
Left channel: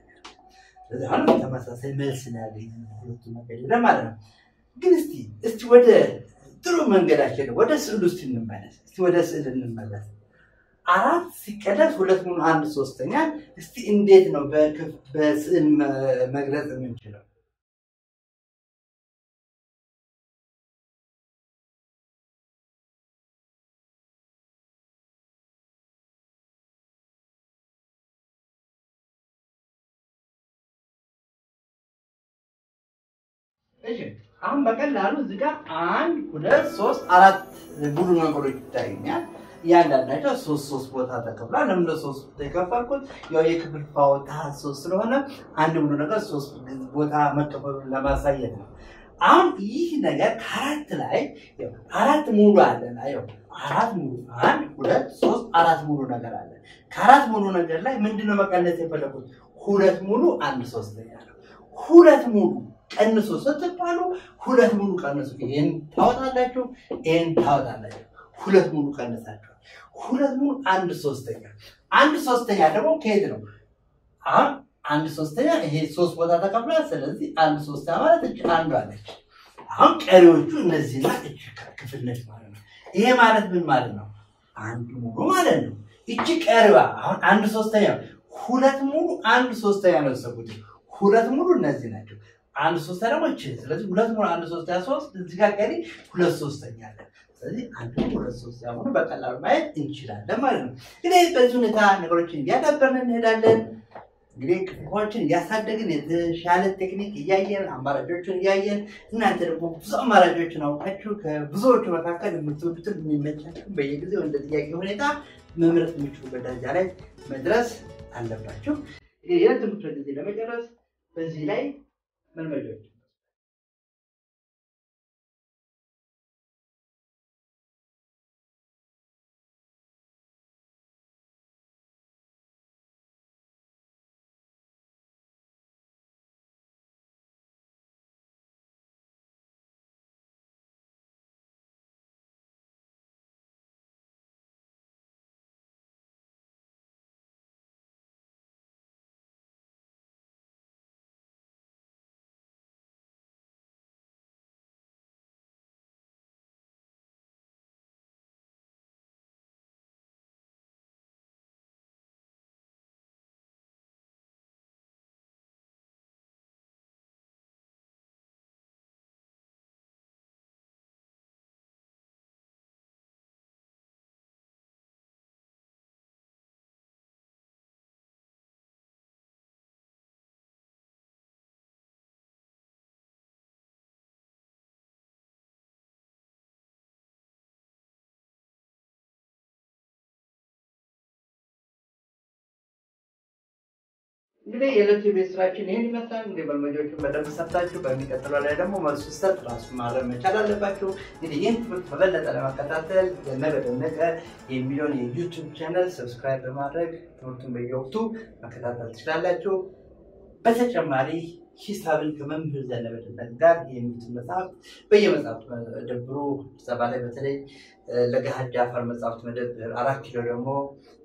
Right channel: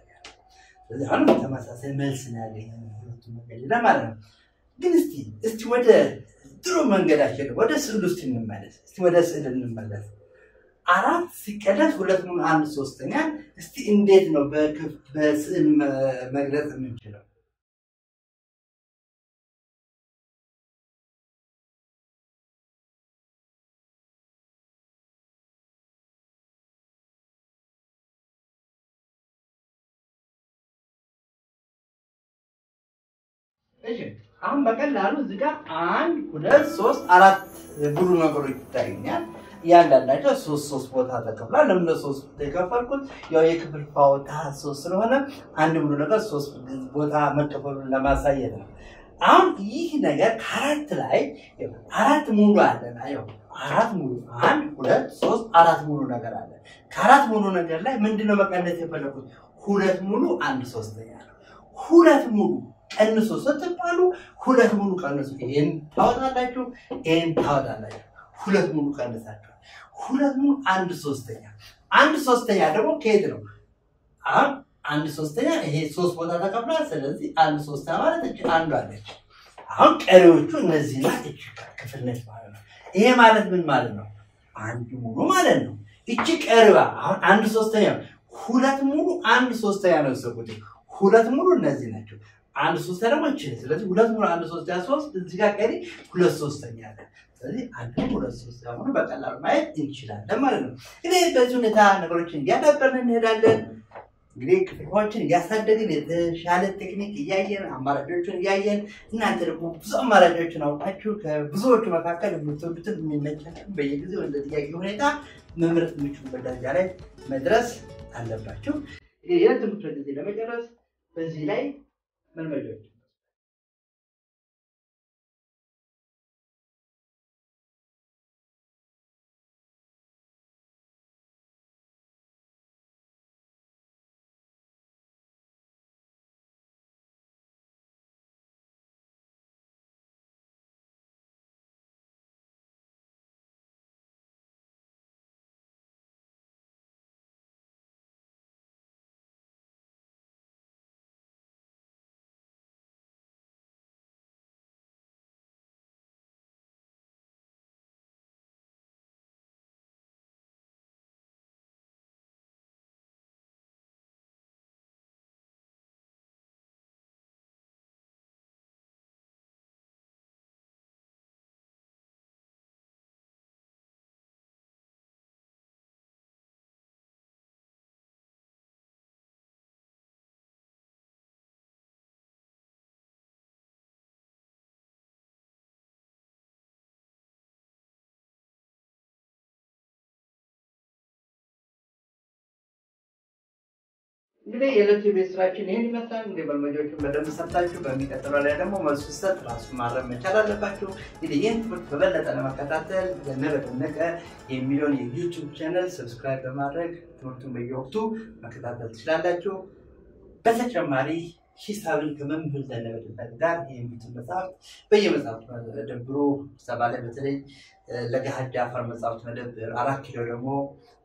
ስለዚህ አሁን ተመሳሳይ መልስ ነው ያገኘነው ሁለቱም ነገር ለማለት ነው። ግን እስቲ ወደ ጥሩ መንገዳችን ወደ ስዕሉ እንመለስ። ወደ ስዕል እንመለስ። 4 ሲቀነስ 2 ሙሉ 1/3 እስቲ እንዴት ነው በስዕል መግለጽ የምንችለው? እሺ አሁን በቀላሉ እዚህ ጋር 1 2 3 4 ሙሉ ነገሮች ይታዩኛል። ያንዳንዳቸው 3 ቦታ ተከፍሏል። ለምን 3 ተከፋልኩት? ያው የክፍልፋዩ ታህት 3 ስለሆነ አንድ ሙሉ ነገር 3 ቦታ መከፈሉን ለማሳየት ነው። አሁን ይህ ነገር ከአራት ላይ 4 ሙሉ አለና ያው 4 ሙሉ 1 2 3 4 ሙሉ ነገር አለ። ከአራት ሙሉ ነገር ላይ ምንድነው መቀነስ የፈለኩት? 2 ሙሉ 1/3 ነው። 2 ሙሉ ቀንሱ ስትባሉ 2 ሙሉ ቀንሱ። ይሄን ታወጣላችሁ፣ ይሄን ታወጣላችሁ። 2 ሙሉ ቀንሳችሁ 2 ሙሉ 1/3 1/3 ደግሞ ከሄድ ነው። አሁን 1/3 ይሄ 3 ቦታ ተከፍሏል። ስለዚህ 1/3 ማለት እቺ አንዷ አለች። አሁን ቀሪዎቹ እነዚህና እቺ ክፍል ነች ማለት ነው። ይሄ ማለት ምን ማለት ነው? 1 ሙሉ ማለት ነው። እቺ ቀሪዋ አሁን 1/3 2 ሙሉ 1/3 ነው ተሰቁት። 2 ሙሉ እነዚህ ናቸው። 1/3 ደግሞ እቺ። ስለዚህ 2 ሙሉ 1/3 3 እዚህ ጋር ቀሪ 2/3 አለ። ስለዚህ 1 ሙሉ 2/3 ሆኖ በቀላሉ ማየት እንችላለን ማለት ነው። እንግዲህ በዚህ ሁኔታ ነገሮችን እያዳበርን እንሄዳለን። እንግዲህ ክፍልፋዮችን እያሳደግን የተሻለ ቴክኒክ እያየን አማራጮችን እያየን እናንተ ደግሞ ብዙ አማራጮችን አውቃችሁ ከብዙዎቹ መካከል የምትወዱትን የሚመቻችሁ በየጊዜው እንደ ጥያቄ ሁኔታ መምረጥ የምትችሉበት ደረጃ ላይ መድረስ አለባችሁ። እንግዲህ የትምህርት ጊዜ ለመጨረስ በዚህ ላይ መልመጃዎች እንግዲህ የዕለቱ ቤት ስራችን ይሄን ይመስላል። እንግዲህ መልመጃዎቹን በደንብ ሰርታችሁ በሚቀጥለው ላይ ደግሞ መልሱ ሰጥ ራሱ ማረም መቻል አለባችሁ። እንግዲህ ይህን ትምህርት በበለጠ ለመከታተል ዘነበ ደነቀ የሚለውን የዩቲዩብ ቻናል ሰብስክራይብ በማድረግ ትምህርቱን በየወቅቱ መከታተል ትችላላችሁ። በተጨማሪ ሂሳብን ከመምህር ዘነበ ጋር የሚሉት መጽሐፍ በየመጽሐፍ መደብሩ ሰባለ በተለይ ለገሃድ አፈር መጽሐፍት መደብር 4 ኪሎ ደግሞ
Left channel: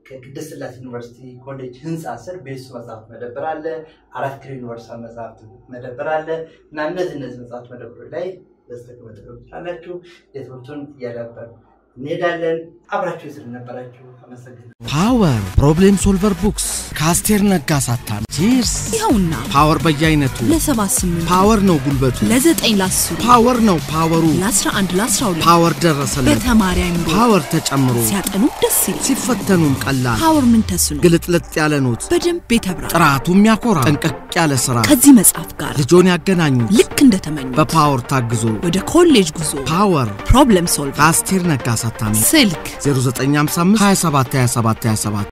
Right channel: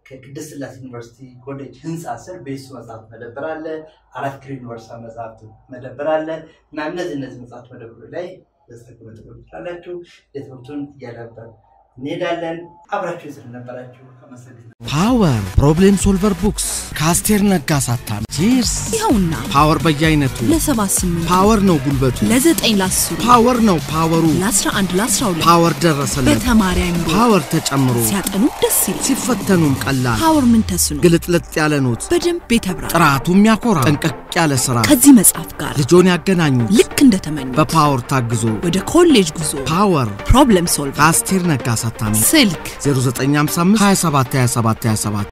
ከቅድስት ሥላሴ ዩኒቨርሲቲ ኮሌጅ ህንጻ ስር ቤሱ መጽሐፍ መደብር አለ 4 ኪሎ ዩኒቨርሲቲ መጽሐፍት መደብር አለ እና እነዚህ መጽሐፍት መደብሮች ላይ በስተቀር ተቀምጣላችሁ የትምህርቱን ያለበት ኔዳለን አብራችሁ ስለነበራችሁ አመሰግናለሁ ፓወር ፕሮብሌም ሶልቨር ቡክስ ካስቴር ነጋ ሳታሚ ቺርስ ይኸውና ፓወር በየአይነቱ ለ78 ፓወር ነው ጉልበቱ ለ9 ለ10 ፓወር ነው ፓወሩ ለ11 ለ12 ፓወር ደረሰለት በተማሪ አይምሮ ፓወር ተጨምሮ ሲያጠኑ ደስ ይላል ሲፈተኑም ቀላል ፓወር ምን ተስኖ ግልጥልጥ ያለ ኖት በደንብ የተብራ ጥራቱ የሚያኮራ ጠንቀቅ ያለ ስራ ከዚህ መጽሐፍ ጋር ልጆን ያገናኙ ልክ እንደተመኙ በፓወር ታግዞ ወደ ኮሌጅ ጉዞ ፓወር ፕሮብሌም ሶልቨር ካስቴር ነጋ ሳታሚ ስልክ 0955 27 27 27